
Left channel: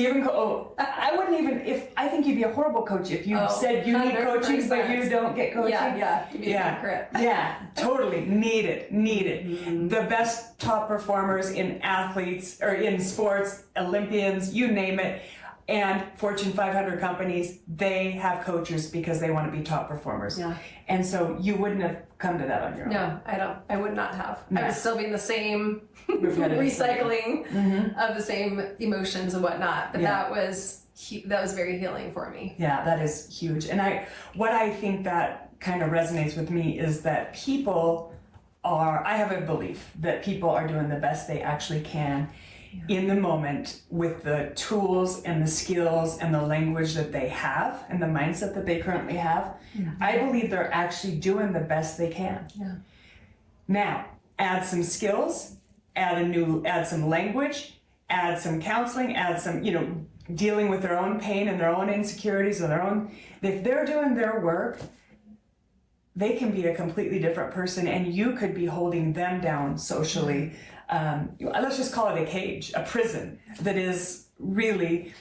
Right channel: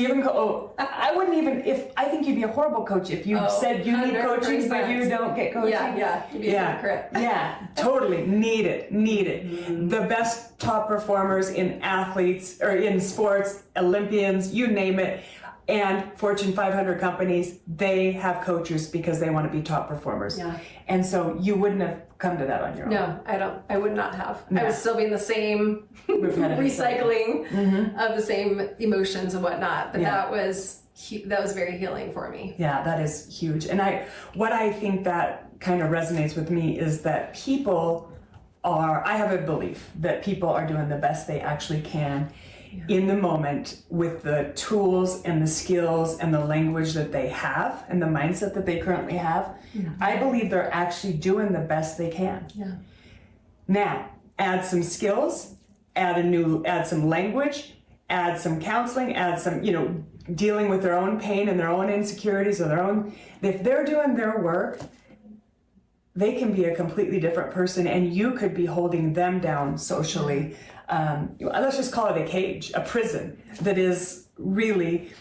I wouldn't even, I think you'd be a horrible coach if you said you need coaching, but you don't get coaching. Yeah, you'd be a hypocrite. Yeah, totally. Need it. The best top performers in athletes, or in sports, Olympians, you name it, and Fortune 500 companies, they have coaches because they want to be top performers. Yeah. And so you wouldn't have come to that on your own. No, I would not have. No. I would still be in the same recycling of the same emotions and whatnot. But that was very healing for me. Yeah, that is huge. And what I think that kind of resonates with me is that I have a belief that people are doing the best they actually can in the moment with the tools and the skills and the language that they have and the mindset that they currently have. I believe they're actually doing the best they can. Yeah. Now, add some skills, add some language, add some counseling, add some, dealing with their own pain and their own insecurities or if they're doing their work, they can be a completely different person, and you could be holding them down socially. Let's just call it a cage, a prison that is really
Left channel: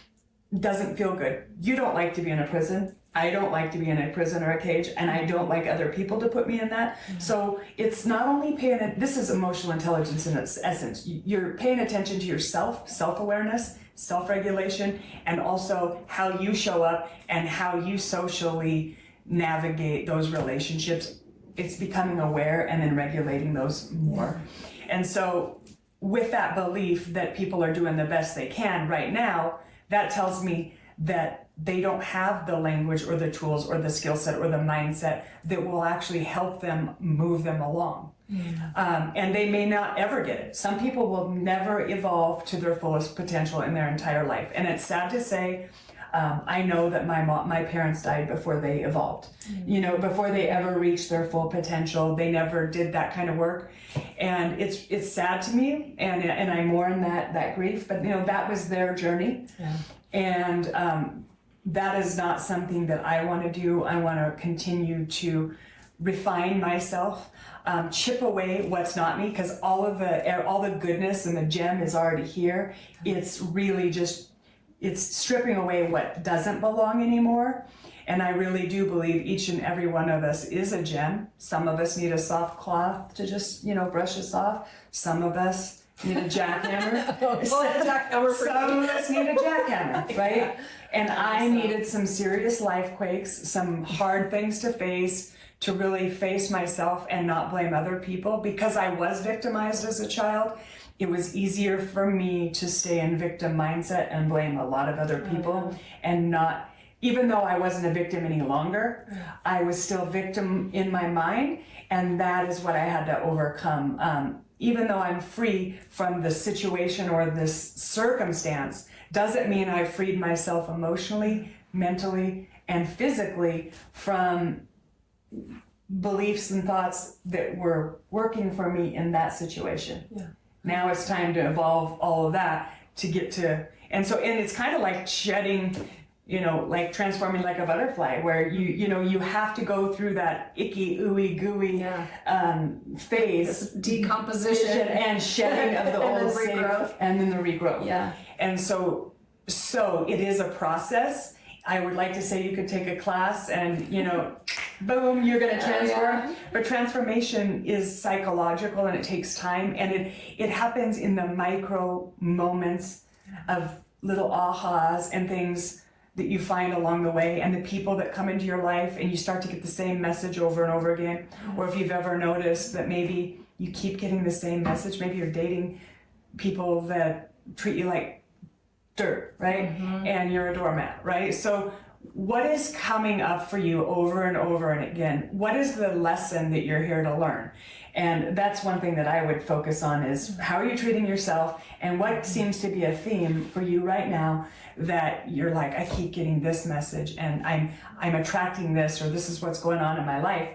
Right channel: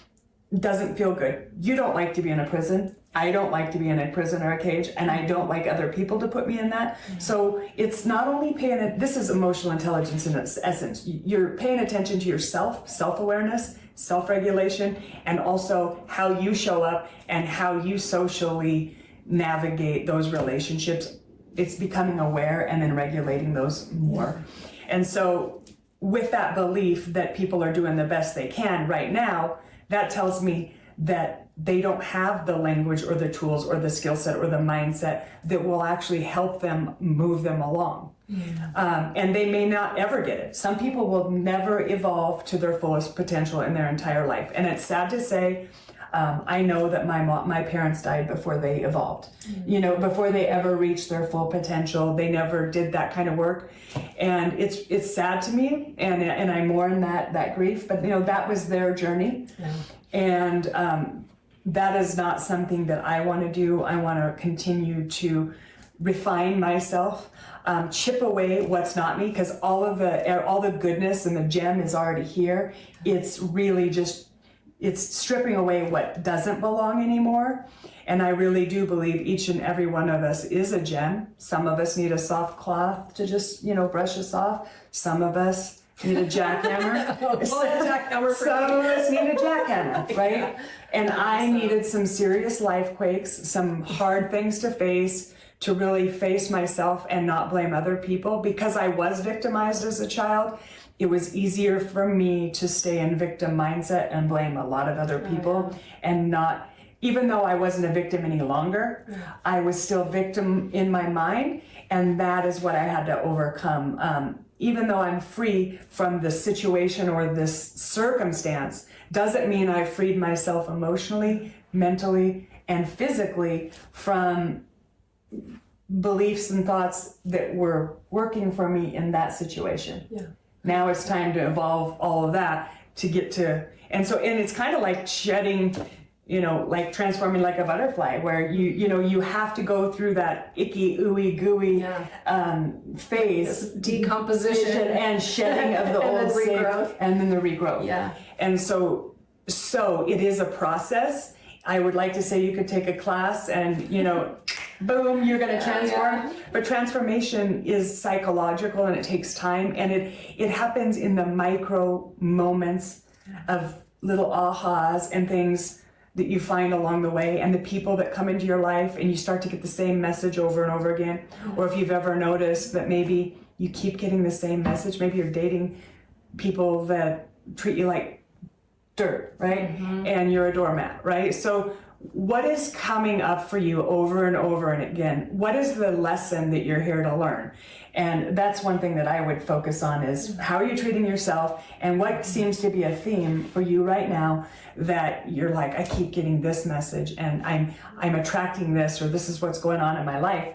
doesn't feel good. You don't like to be in a prison. I don't like to be in a prison or a cage, and I don't like other people to put me in that. So it's not only this is emotional intelligence in its essence. You're paying attention to yourself, self-awareness, self-regulation, and also how you show up and how you socially navigate those relationships. It's becoming aware and then regulating those more. And so with that belief that people are doing the best they can right now, that tells me that they don't have the language or the tools or the skill set or the mindset that will actually help them move them along. And they may not ever get it. Some people will never evolve to their fullest potential in their entire life. And it's sad to say, I know that my parents died before they evolved, before they ever reached their full potential. They never did that kind of work. And it's sad to me, and I mourn that grief, but that was their journey. Yeah. And that is not something that I want to do. I want to continue to refine myself, chip away what's not me, because all the goodness and the gem is already here. It's really it's stripping away what doesn't belong anymore. And I really do believe each and every one of us is a gem. Some of us need a soft cloth to just, brush us off. Some of us need a jackhammer. Some of us need a jackhammer, right? Yeah. And I needed some serious life quakes, some hard things to face, to really face myself and not blame other people. Because I was victimized as a child, it was easier for me to stay in victim mindset and blame a lot of other people and not, even though I wasn't a victim any longer, I was still victim in my mind, and that is what I had to overcome. Even though I'm free from the situation or this circumstance, doesn't mean I freed myself emotionally, mentally, and physically from beliefs and thoughts that were working for me in that situation. Yeah. Now it's time to evolve all of that to get to, and it's kind of like shedding, like transforming like a butterfly, where you have to go through that icky, ooey, gooey phase, this decomposition and shedding of the old regrowth, and then the regrowth. Yeah. And so it is a process. I would like to say you could take a class and, boom, you're going to transform. Yeah. But transformation is psychological and it takes time, and it happens in the micro moments of little ahas and things that you find along the way, and the people that come into your life, and you start to get the same message over and over again. Or if you've ever noticed that maybe you keep getting the same message, maybe you're dating people that treat you like dirt, right? And you're a doormat, right? So what is coming up for you over and over and again? What is the lesson that you're here to learn? And that's one thing that I would focus on is how are you treating yourself, and what seems to be a theme for you right now that you're like, I keep getting this message and I'm attracting this, or this is what's going on in my life.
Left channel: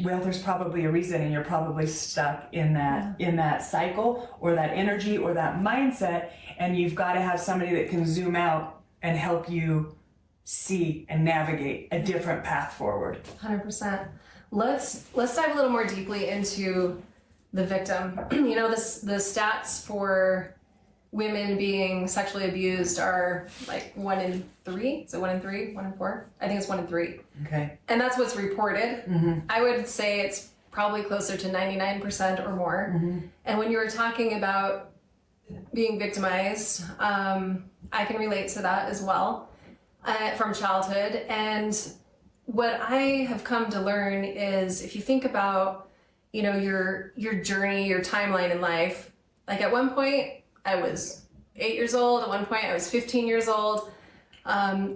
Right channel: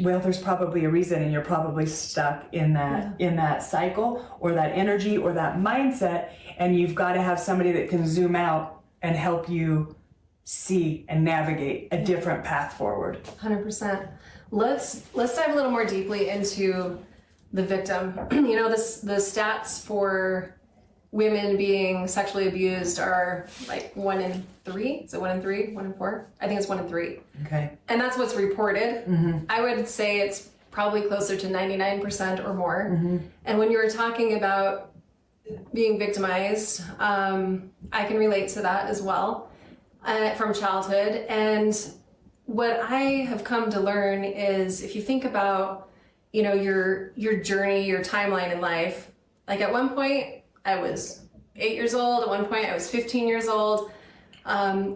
Well, there's probably a reason, and you're probably stuck in that cycle or that energy or that mindset, and you've got to have somebody that can zoom out and help you see and navigate a different path forward. 100%. Let's dive a little more deeply into the victim. The stats for women being sexually abused are like 1 in 3. Is it 1 in 3? 1 in 4? I think it's 1 in 3. Okay. And that's what's reported. I would say it's probably closer to 99% or more. And when you were talking about being victimized, I can relate to that as well from childhood. And what I have come to learn is, if you think about, your journey, your timeline in life, like at one point I was 8 years old, at one point I was 15 years old.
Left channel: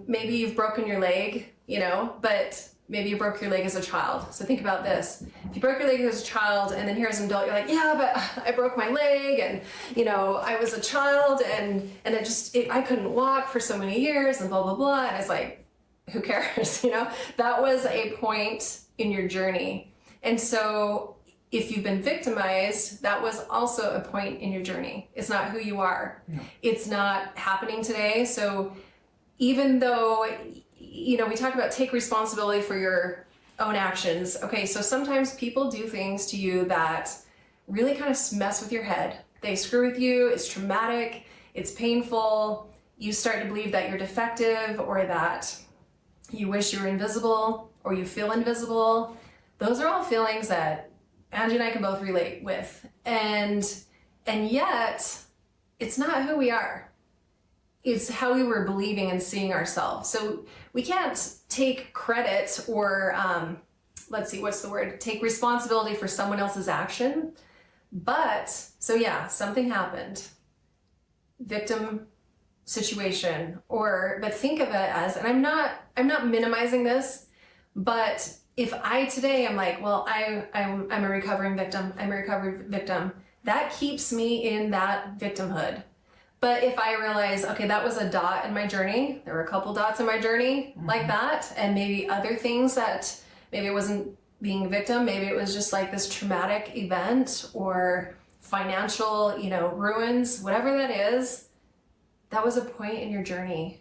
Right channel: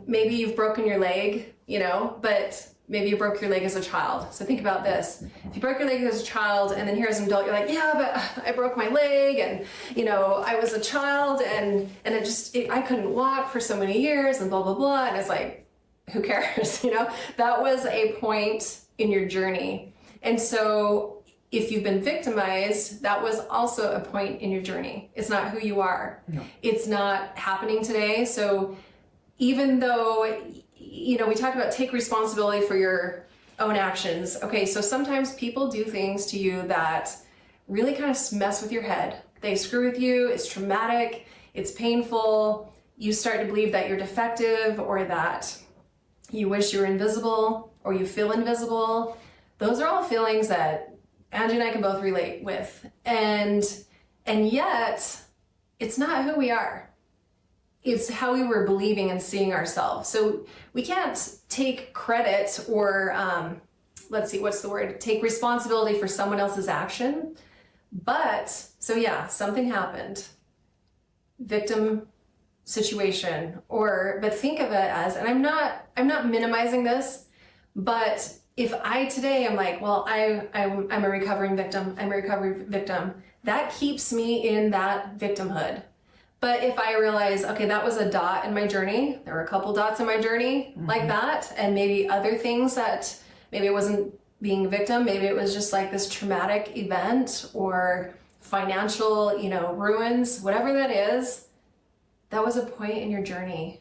Maybe you've broken your leg, but maybe you broke your leg as a child. So think about this. If you broke your leg as a child and then here as an adult, you're like, yeah, but I broke my leg and, I was a child and I couldn't walk for so many years and blah, blah, blah. And it's like, who cares? That was a point in your journey. And so if you've been victimized, that was also a point in your journey. It's not who you are. No. It's not happening today. So even though, we talk about take responsibility for your own actions. Okay, so sometimes people do things to you that really kind of mess with your head. They screw with you, it's traumatic, it's painful. You start to believe that you're defective, or that you wish you were invisible, or you feel invisible. Those are all feelings that Angie and I can both relate with. And yet, it's not who we are. It's how we were believing and seeing ourselves. So we can't take credit or, take responsibility for someone else's action. But, something happened. Victim situation, but think of it as, and I'm not minimizing this, but if I today am like, well, I'm a recovering victim, that keeps me in that victimhood. But if I realize, okay, that was a dot in my journey, there were a couple dots in my journey like that, and maybe other things that maybe it wasn't being a victim, maybe it was just like this traumatic event or financial, ruins, whatever that is, that was a point in your journey,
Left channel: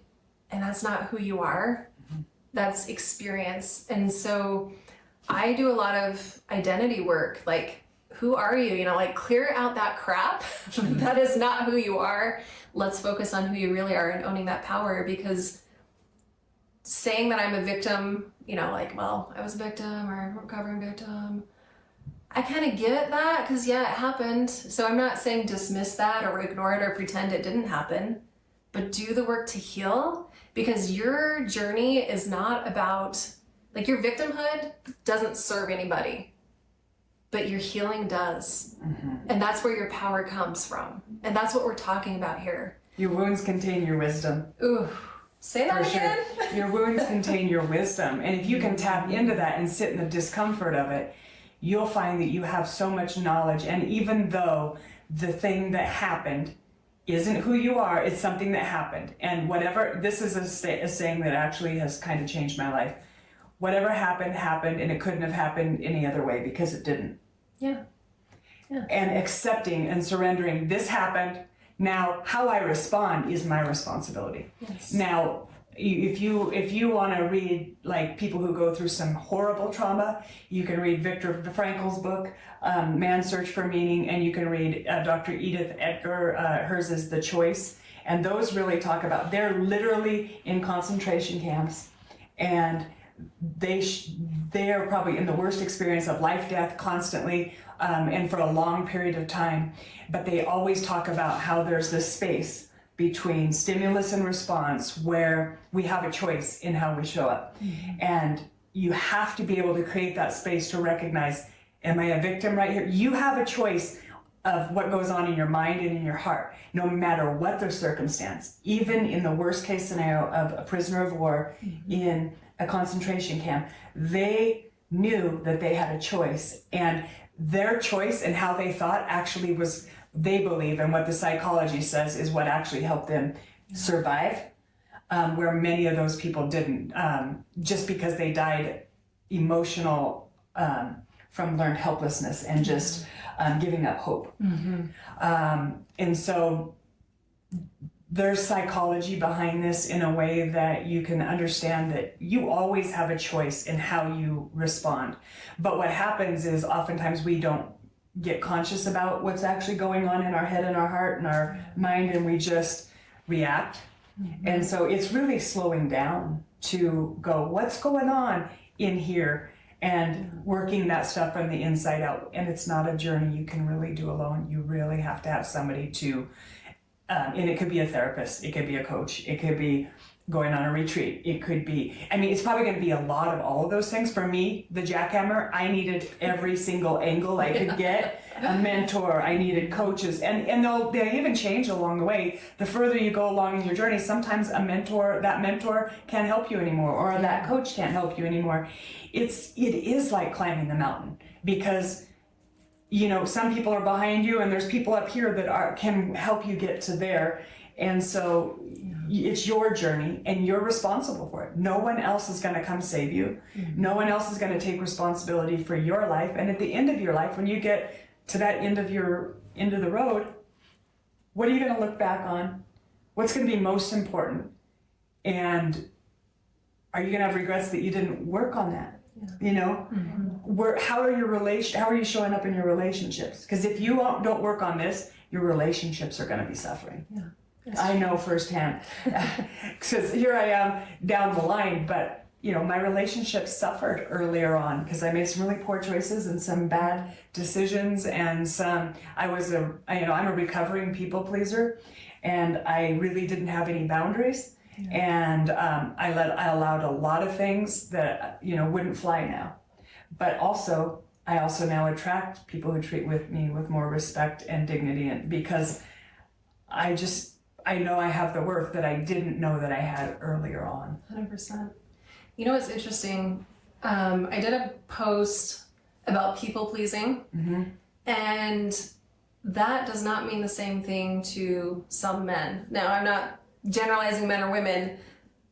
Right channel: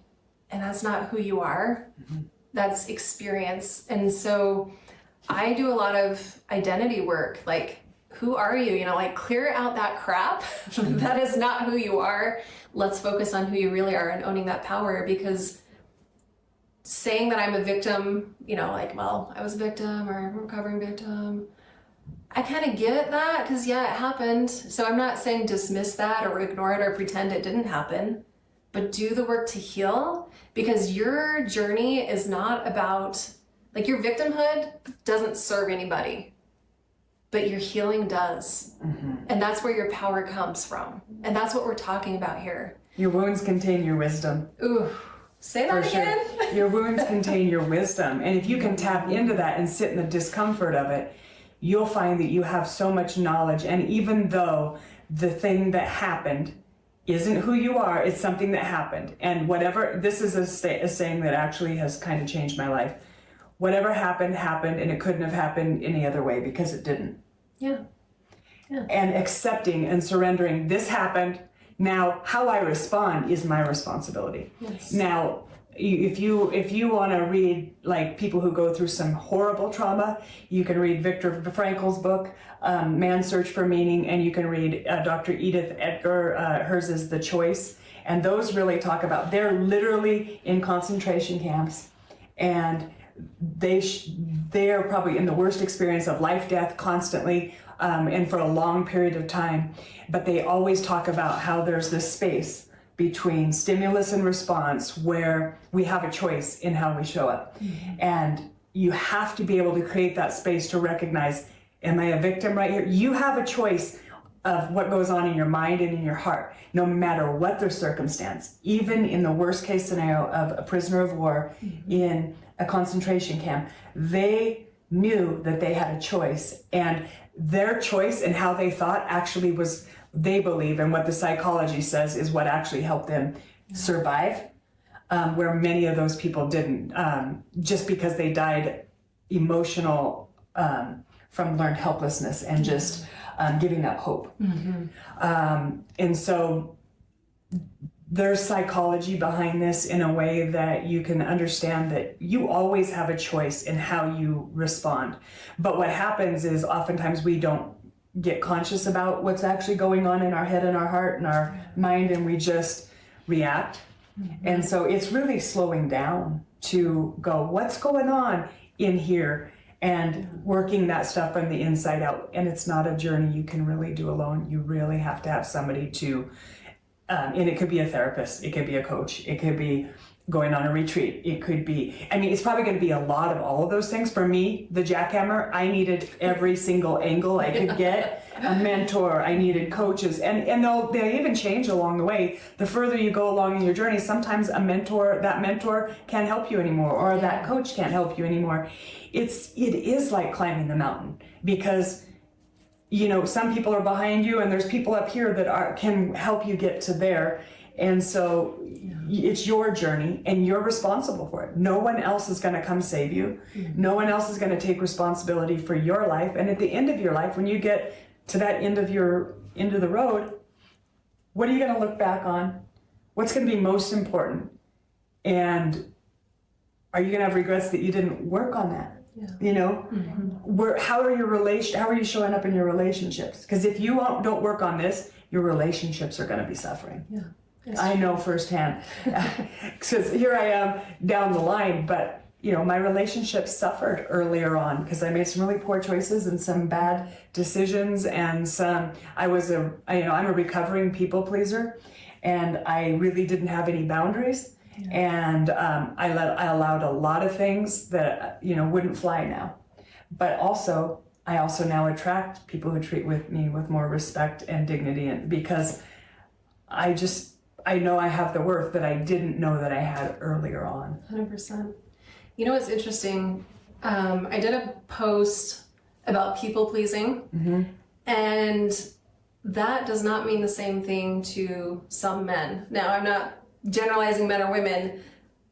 and that's not who you are. That's experience. And so I do a lot of identity work, like, who are you? Clear out that crap. That is not who you are. Let's focus on who you really are and owning that power, because saying that I'm a victim, I was a victim or I'm a recovering victim, I kind of get that, because it happened. So I'm not saying dismiss that or ignore it or pretend it didn't happen, but do the work to heal, because your journey is not about, your victimhood doesn't serve anybody. But your healing does. And that's where your power comes from. And that's what we're talking about here. Your wounds contain your wisdom. Ooh, say that again. Sure. Your wounds contain your wisdom. And if you can tap into that and sit in the discomfort of it, you'll find that you have so much knowledge. And even though the thing that happened isn't who you are, it's something that happened. And whatever, this is a saying that actually has kind of changed my life. Whatever happened, happened, and it couldn't have happened any other way, because it didn't. Yeah. and accepting and surrendering. This happened. Now, how I respond is my responsibility. Yes. Now, if you want to read like people who go through some horrible trauma, you can read Viktor Frankl's book, Man's Search for Meaning, and you can read Dr. Edith Edgar, hers is The Choice. And those really talk about, they're literally in concentration camps, and they are probably in the worst experience of life, death constantly, and for a long period of time. But they always talk about how there's this space between stimulus and response where we have a choice in how we show up. Mm-hmm. And you have to be able to create that space to recognize, am I a victim right here? You have a choice of what goes on in your mind and in your heart, no matter what the circumstance. Even in the worst case scenario of a prisoner of war in a concentration camp, they knew that they had a choice, and their choice and how they thought actually was, they believe, and what the psychology says is what actually helped them survive, where many of those people didn't, just because they died emotional from learned helplessness and just giving up hope. And so there's psychology behind this in a way that you can understand that you always have a choice in how you respond. But what happens is oftentimes we don't get conscious about what's actually going on in our head and our heart and our mind, and we just react. And so it's really slowing down to go, what's going on in here, and working that stuff from the inside out. And it's not a journey you can really do alone. You really have to have somebody to, and it could be a therapist, it could be a coach, it could be going on a retreat, it could be, I mean, it's probably going to be a lot of all of those things. For me, the jackhammer, I needed every single angle I could get, a mentor, I needed coaches, and they'll even change along the way. The further you go along in your journey, sometimes that mentor can't help you anymore, or that coach can't help you anymore. It is like climbing the mountain, because you know, some people are behind you and there's people up here that can help you get to there. And so it's your journey and you're responsible for it. No one else is going to come save you. No one else is going to take responsibility for your life. And at the end of your life, when you get to that end of the road, what are you going to look back on? What's going to be most important? And are you going to have regrets that you didn't work on that? Yeah. You know, how are you showing up in your relationships? Because if you don't work on this, your relationships are going to be suffering. Yeah, I know firsthand, because here I am down the line. But you know, my relationships suffered earlier on because I made some really poor choices and some bad decisions, and I'm a recovering people pleaser, and I really didn't have any boundaries. Yeah. And I allowed a lot of things that wouldn't fly now. But I also now attract people who treat me with more respect and dignity, and because I know I have the worth that I didn't know that I had earlier on. 100%. You know what's interesting? I did a post about people pleasing, and that does not mean the same thing to some men. Now, I'm not generalizing men or women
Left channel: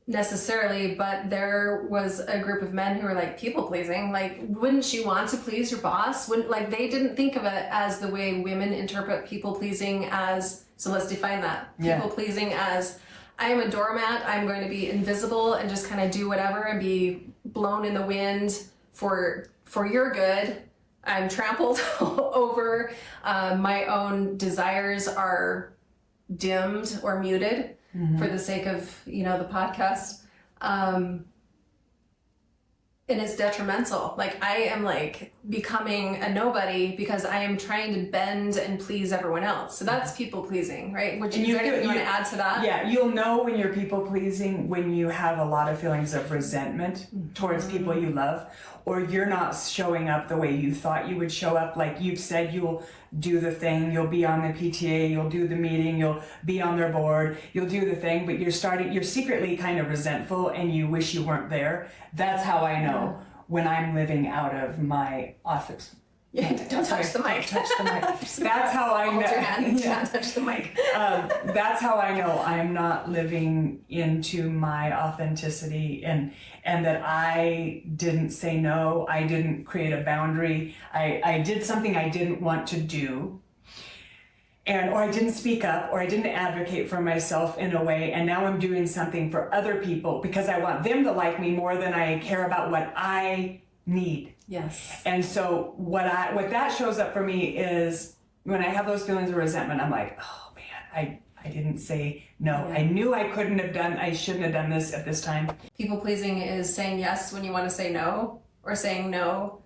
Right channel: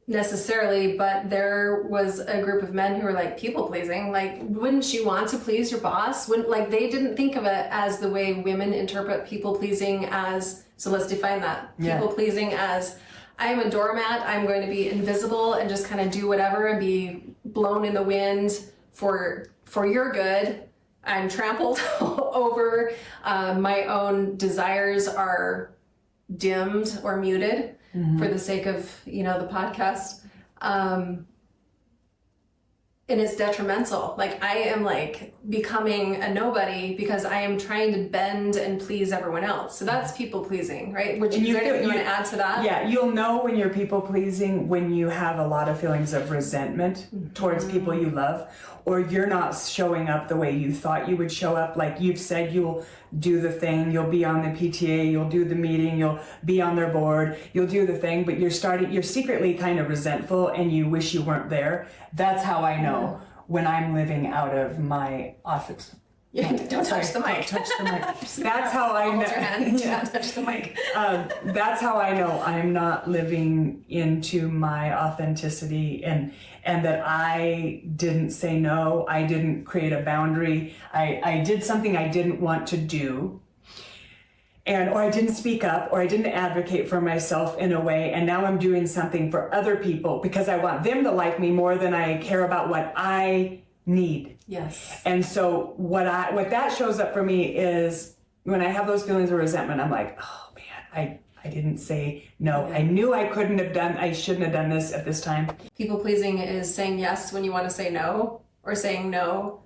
necessarily, but there was a group of men who were like, people pleasing, like, wouldn't you want to please your boss? They didn't think of it as the way women interpret people pleasing as. So let's define that. People pleasing as, I am a doormat, I'm going to be invisible and just kind of do whatever and be blown in the wind for your good. I'm trampled over, my own desires are dimmed or muted for the sake of, the podcast. And it's detrimental. Like, I am becoming a nobody because I am trying to bend and please everyone else. So that's people pleasing, right? Is there anything you want to add to that? Yeah, you'll know when you're people pleasing when you have a lot of feelings of resentment towards people you love, or you're not showing up the way you thought you would show up. Like you've said, you'll do the thing, you'll be on the PTA, you'll do the meeting, you'll be on their board, you'll do the thing, but you're secretly kind of resentful and you wish you weren't there. That's how I know when I'm living out of my Don't touch the mic. Don't touch the mic. That's how I know. Hold your hand. Yeah. Don't touch the mic. That's how I know I'm not living into my authenticity, and that I didn't say no. I didn't create a boundary. I did something I didn't want to do. Or I didn't speak up, or I didn't advocate for myself in a way, and now I'm doing something for other people because I want them to like me more than I care about what I need. Yes. And so what that shows up for me is when I have those feelings of resentment, I'm like, oh man, I didn't say no. Yeah. I knew I shouldn't have done this at this time. People pleasing is saying yes when you want to say no, or saying no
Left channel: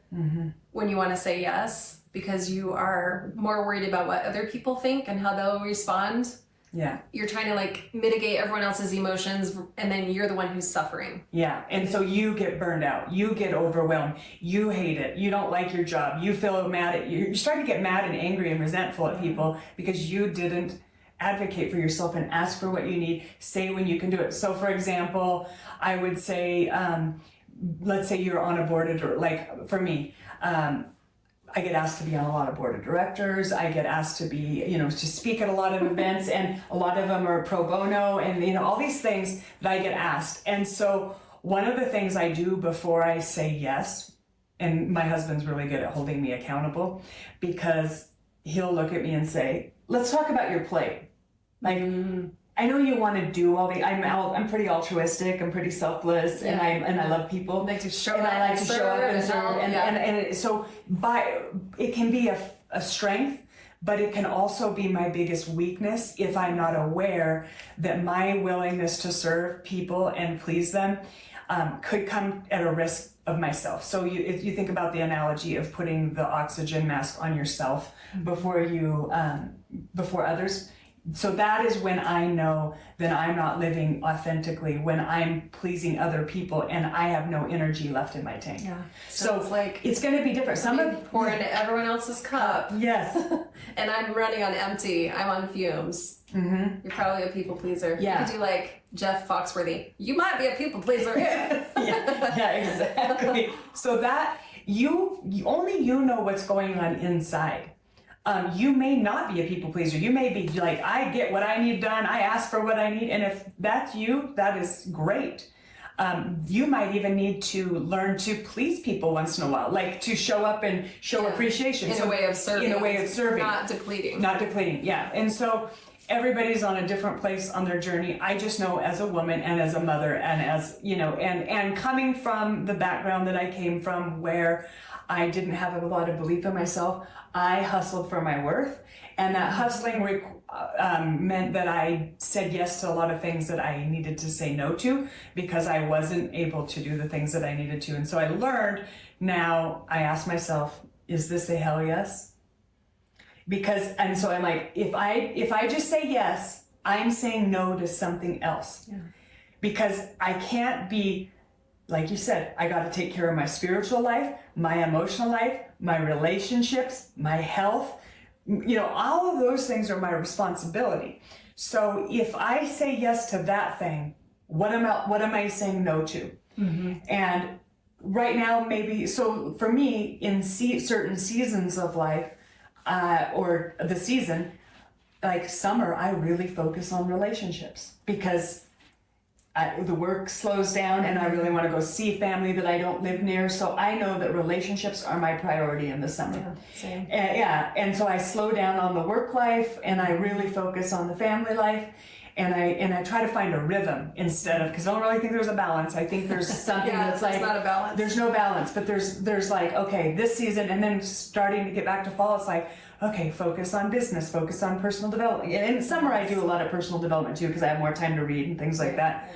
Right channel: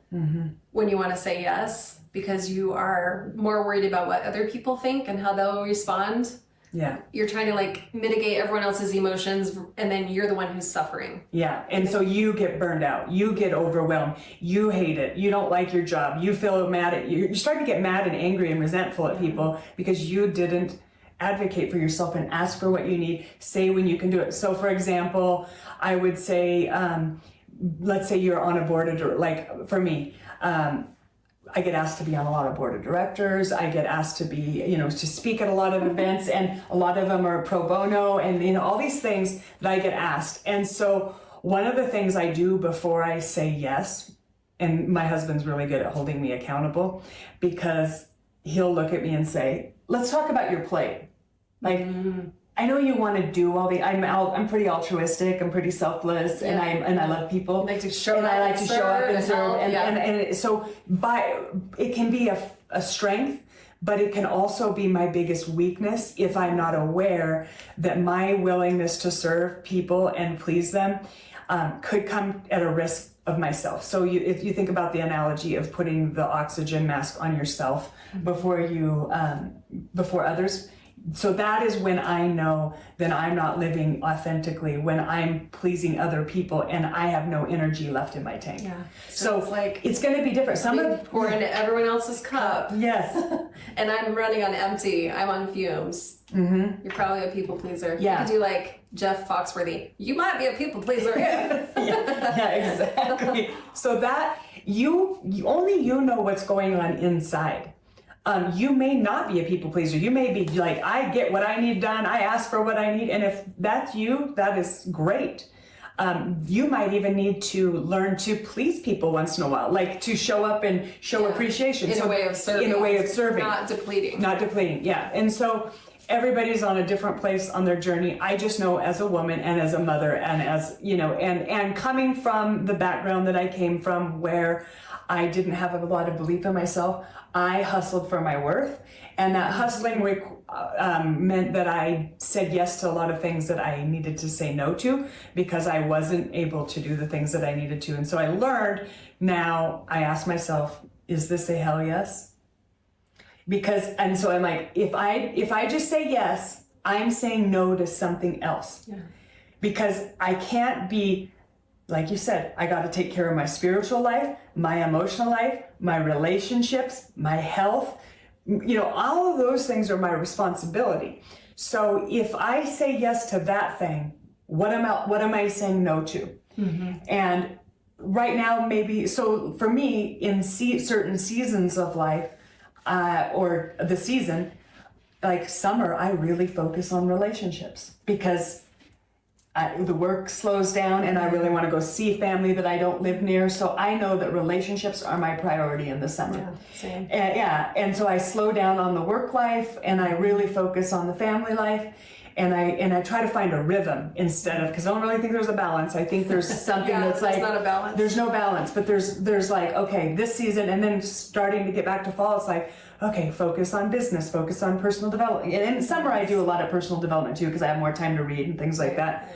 when you want to say yes, because you are more worried about what other people think and how they'll respond. Yeah. You're trying to like mitigate everyone else's emotions, and then you're the one who's suffering. Yeah. And so you get burned out. You get overwhelmed. You hate it. You don't like your job. You feel mad at you. You start to get mad and angry and resentful at people because you didn't advocate for yourself and ask for what you need. Say when you can do it. So for example, I would say, let's say you're on a board of, like for me, I get asked to be on a lot of board of directors. I get asked to be, to speak at a lot of events, and a lot of them are pro bono, and all these things that I get asked. And so one of the things I do before I say yes, and my husband's really good at holding me accountable, because he'll look at me and say, let's talk about your plate. Like, I know you want to do all the. I'm pretty altruistic. I'm pretty selfless, and I love people. You like to show and up, I like to show up and serve, and so it can be a strength, but it can also be my biggest weakness if I'm not aware that my willingness to serve people and please them could come at a risk of myself. So if you think about the analogy of putting the oxygen mask on yourself before others. So that is when I know that I'm not living authentically, when I'm pleasing other people and I have no energy left in my tank. Yeah. So it's like it's going to be different. Pour into everyone else's cup. Yes. And I'm running on empty. I'm on fumes. Mm-hmm. You're probably a people pleaser. Yeah. You could do like Jeff Foxworthy. You might be a people pleaser. yeah, exactly. So that you know what's going on inside. You may not be a people pleaser. You may be like, I get what I need done. I ask for what I need. And if that's you, that is great. You might even need to learn to please people once in a while, like to show up and show appreciation. In a way of serving. Not depleting. Not depleting, yeah. And so everybody's on a different place on their journey. I just know as a woman and as a mother and as, and coming from the background that I came from, where I didn't have a lot of belief in myself, I hustled for my worth, and that hustling meant that I said yes to a lot of things that I needed to say no to because I wasn't able to do the things that I needed to. And so I learned now, I ask myself, is this a hell yes? And so I'm like, if I just say yes, I'm saying no to something else. Yeah. Because I can't be, like you said, I got to take care of my spiritual life, my emotional life, my relationships, my health. All of those things are my responsibility. So if I say yes to that thing, what am I saying no to? Mm-hmm. And right now, maybe, so for me, in certain seasons of life, or the season, like summer, I really focus on relationships because the work slows down and I really want to go see family that I don't live near. So I know that relationships are my priority in the summer. Yeah, same. And so I slow down on the work life and I really focus on the family life. And I try to find a rhythm instead of, because I don't really think there's a balance. I think there's something that's like, not a balance. There's no balance, but there's like, okay, this season, and then starting to get back to fall, it's like, okay, focus on business, focus on personal development. And in summer, I do a lot of personal development too, because I have more time to read and things like that.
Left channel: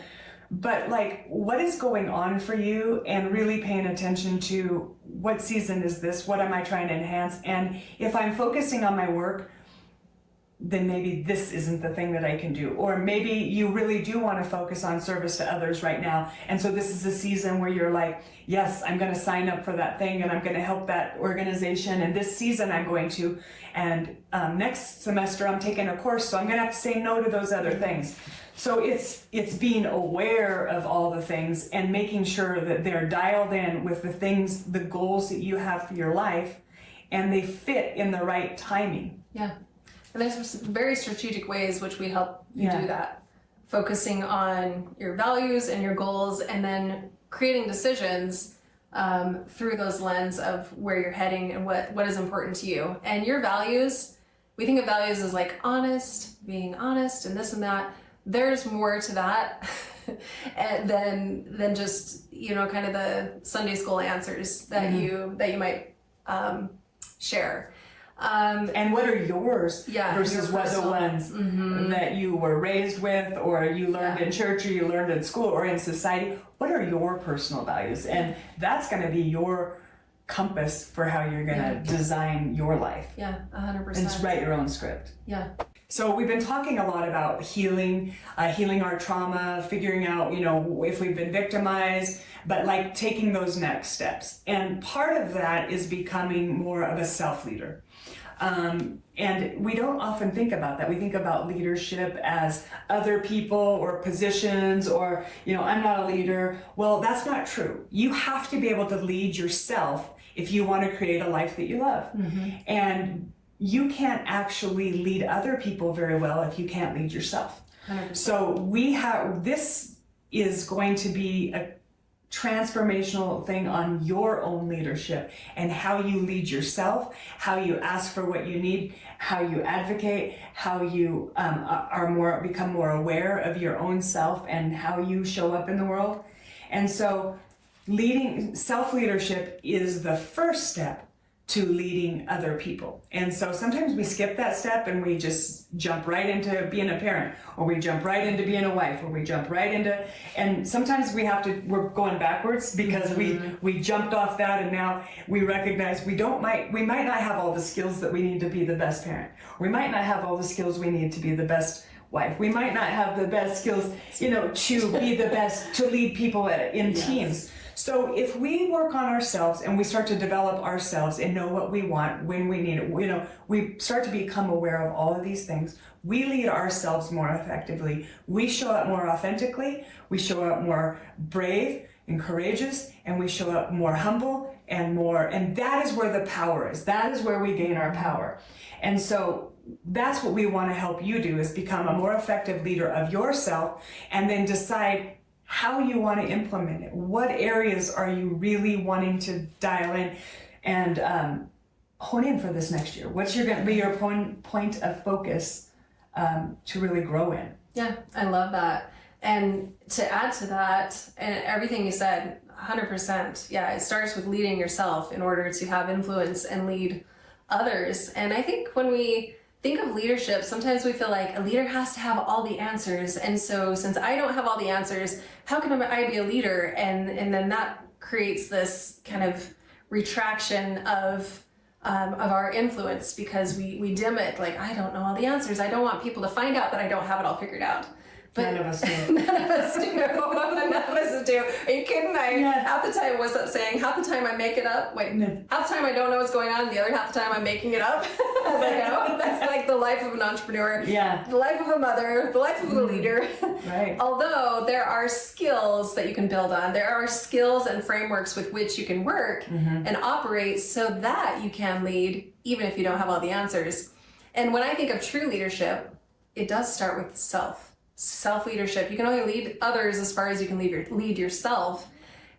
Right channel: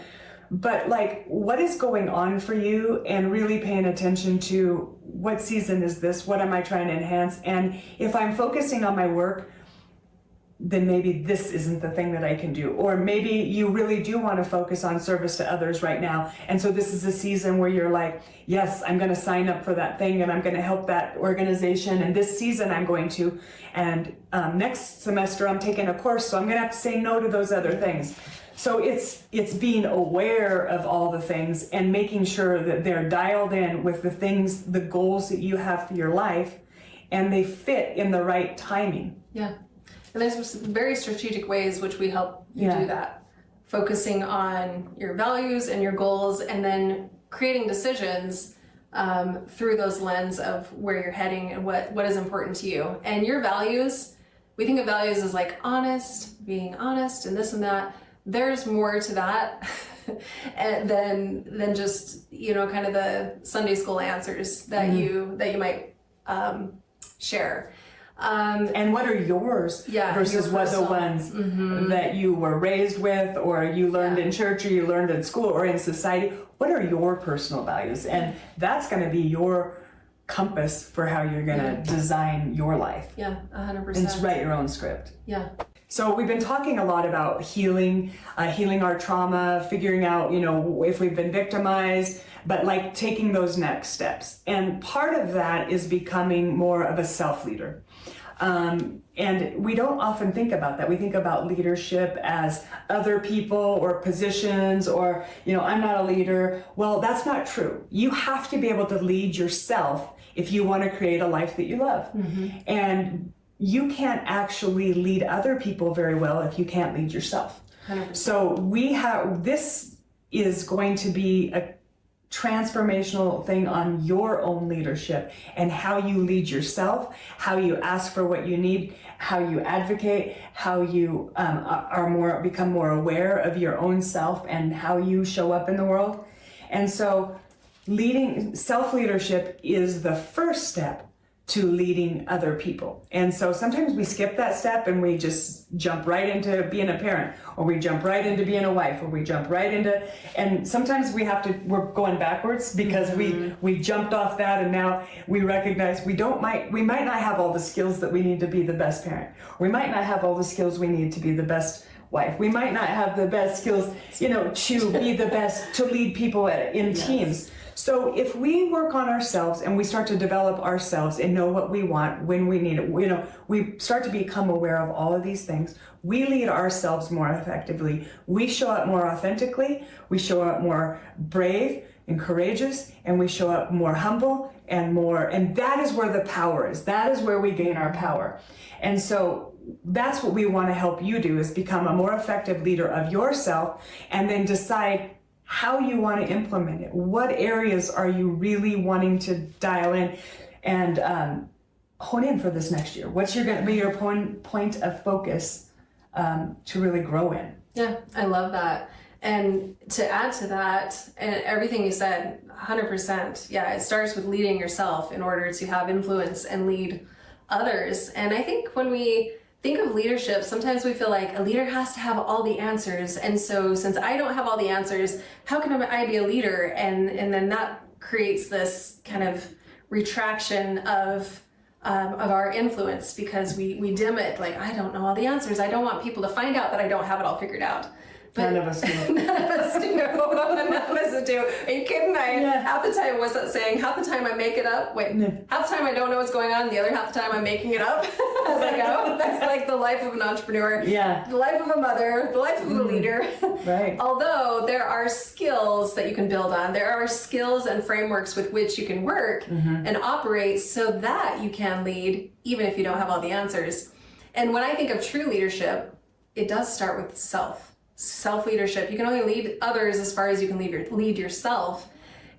But like, what is going on for you, and really paying attention to what season is this? What am I trying to enhance? And if I'm focusing on my work, then maybe this isn't the thing that I can do. Or maybe you really do want to focus on service to others right now. And so this is a season where you're like, yes, I'm going to sign up for that thing and I'm going to help that organization. And this season I'm going to. And next semester I'm taking a course, so I'm going to have to say no to those other things. So it's being aware of all the things and making sure that they're dialed in with the things, the goals that you have for your life, and they fit in the right timing. Yeah. And there's some very strategic ways which we help you do that. Focusing on your values and your goals, and then creating decisions through those lens of where you're heading and what is important to you. And your values, we think of values as like honest, being honest and this and that. There's more to that and than just, you know, kind of the Sunday school answers that you might share. And what are yours versus what the ones that you were raised with, or you learned in church, or you learned in school, or in society? What are your personal values? And that's going to be your compass for how you're going to design your life. Yeah, 100%. And write your own script. Yeah. So we've been talking a lot about healing, healing our trauma, figuring out, you know, if we've been victimized, but like taking those next steps. And part of that is becoming more of a self-leader. And we don't often think about that. We think about leadership as other people or positions, or, you know, I'm not a leader. Well, that's not true. You have to be able to lead yourself if you want to create a life that you love. And you can't actually lead other people very well if you can't lead yourself. 100%. So this is going to be a transformational thing on your own leadership and how you lead yourself, how you ask for what you need, how you advocate, how you become more aware of your own self and how you show up in the world. And so self-leadership is the first step to leading other people. And so sometimes we skip that step and we just jump right into being a parent, or we jump right into being a wife, or we jump right into, and sometimes we're going backwards because we jumped off that, and now we recognize we might not have all the skills that we need to be the best parent. We might not have all the skills we need to be the best wife. We might not have the best skills, you know, to be the best, to lead people in teams. So if we work on ourselves and we start to develop ourselves and know what we want, when we need it, you know, we start to become aware of all of these things, we lead ourselves more effectively. We show up more authentically. We show up more brave and courageous, and we show up more humble and that is where the power is. That is where we gain our power. And so that's what we want to help you do, is become a more effective leader of yourself, and then decide how you want to implement it. What areas are you really wanting to dial in and hone in for this next year? What's going to be your point of focus to really grow in? Yeah, I love that. And to add to that, and everything you said, 100%, yeah, it starts with leading yourself in order to have influence and lead others. And I think when we think of leadership, sometimes we feel like a leader has to have all the answers. And so since I don't have all the answers, how can I be a leader? And then that creates this kind of retraction of our influence, because we dim it. Like, I don't know all the answers. I don't want people to find out that I don't have it all figured out. But none of us do. None of us do. None of us do. Are you kidding? Half the time, what's that saying? Half the time I make it up. Wait, half the time I don't know what's going on. The other half the time I'm making it up as I go. That's like the life of an entrepreneur. Yeah. The life of a mother. The life of a leader. Right. Although there are skills that you can build on. There are skills and frameworks with which you can work and operate so that you can lead, even if you don't have all the answers. And when I think of true leadership, it does start with self-leadership. You can only lead others as far as you can lead yourself.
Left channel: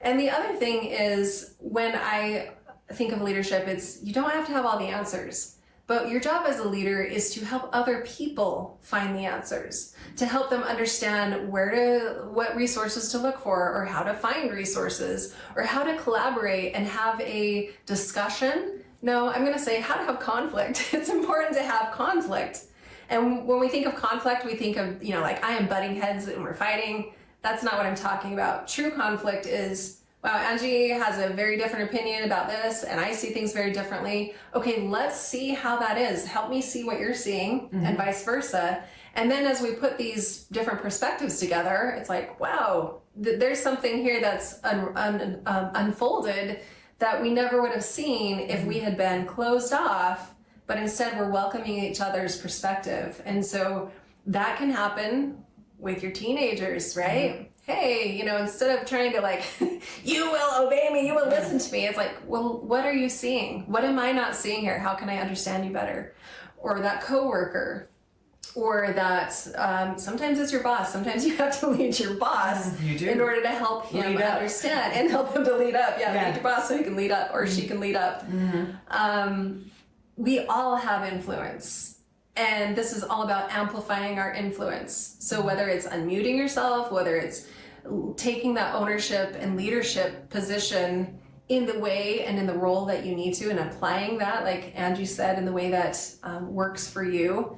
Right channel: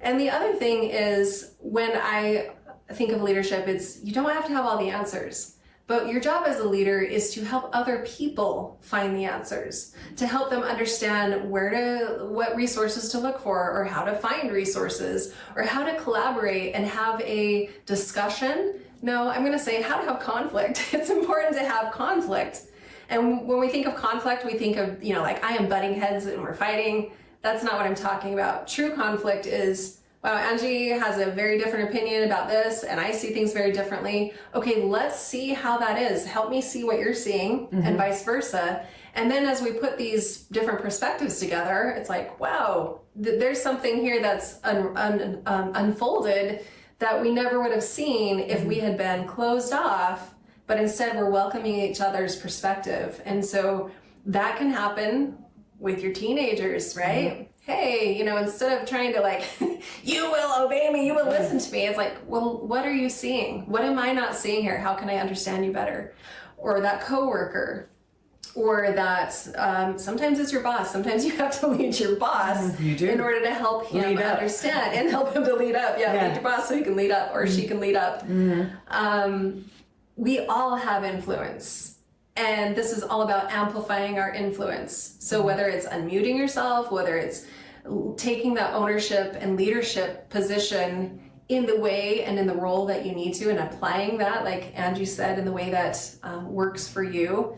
And the other thing is, when I think of leadership, it's you don't have to have all the answers, but your job as a leader is to help other people find the answers, to help them understand what resources to look for, or how to find resources, or how to collaborate and have a discussion. No, I'm going to say how to have conflict. It's important to have conflict. And when we think of conflict, we think of, you know, like I am butting heads and we're fighting. That's not what I'm talking about. True conflict is, wow, Angie has a very different opinion about this, and I see things very differently. Okay, let's see how that is. Help me see what you're seeing, and vice versa. And then as we put these different perspectives together, it's like, wow, there's something here that's unfolded that we never would have seen if we had been closed off. But instead we're welcoming each other's perspective. And so that can happen with your teenagers, right? hey, instead of trying to like, you will obey me, you will listen to me, it's like, well, what are you seeing? What am I not seeing here? How can I understand you better? Or that coworker, or that sometimes it's your boss. Sometimes you have to lead your boss in order to help him understand and help him to lead up. Yeah, lead your boss so he can lead up, or she can lead up. We all have influence. And this is all about amplifying our influence. So whether it's unmuting yourself, whether it's taking that ownership and leadership position in the way and in the role that you need to, and applying that, like Angie said, in the way that works for you,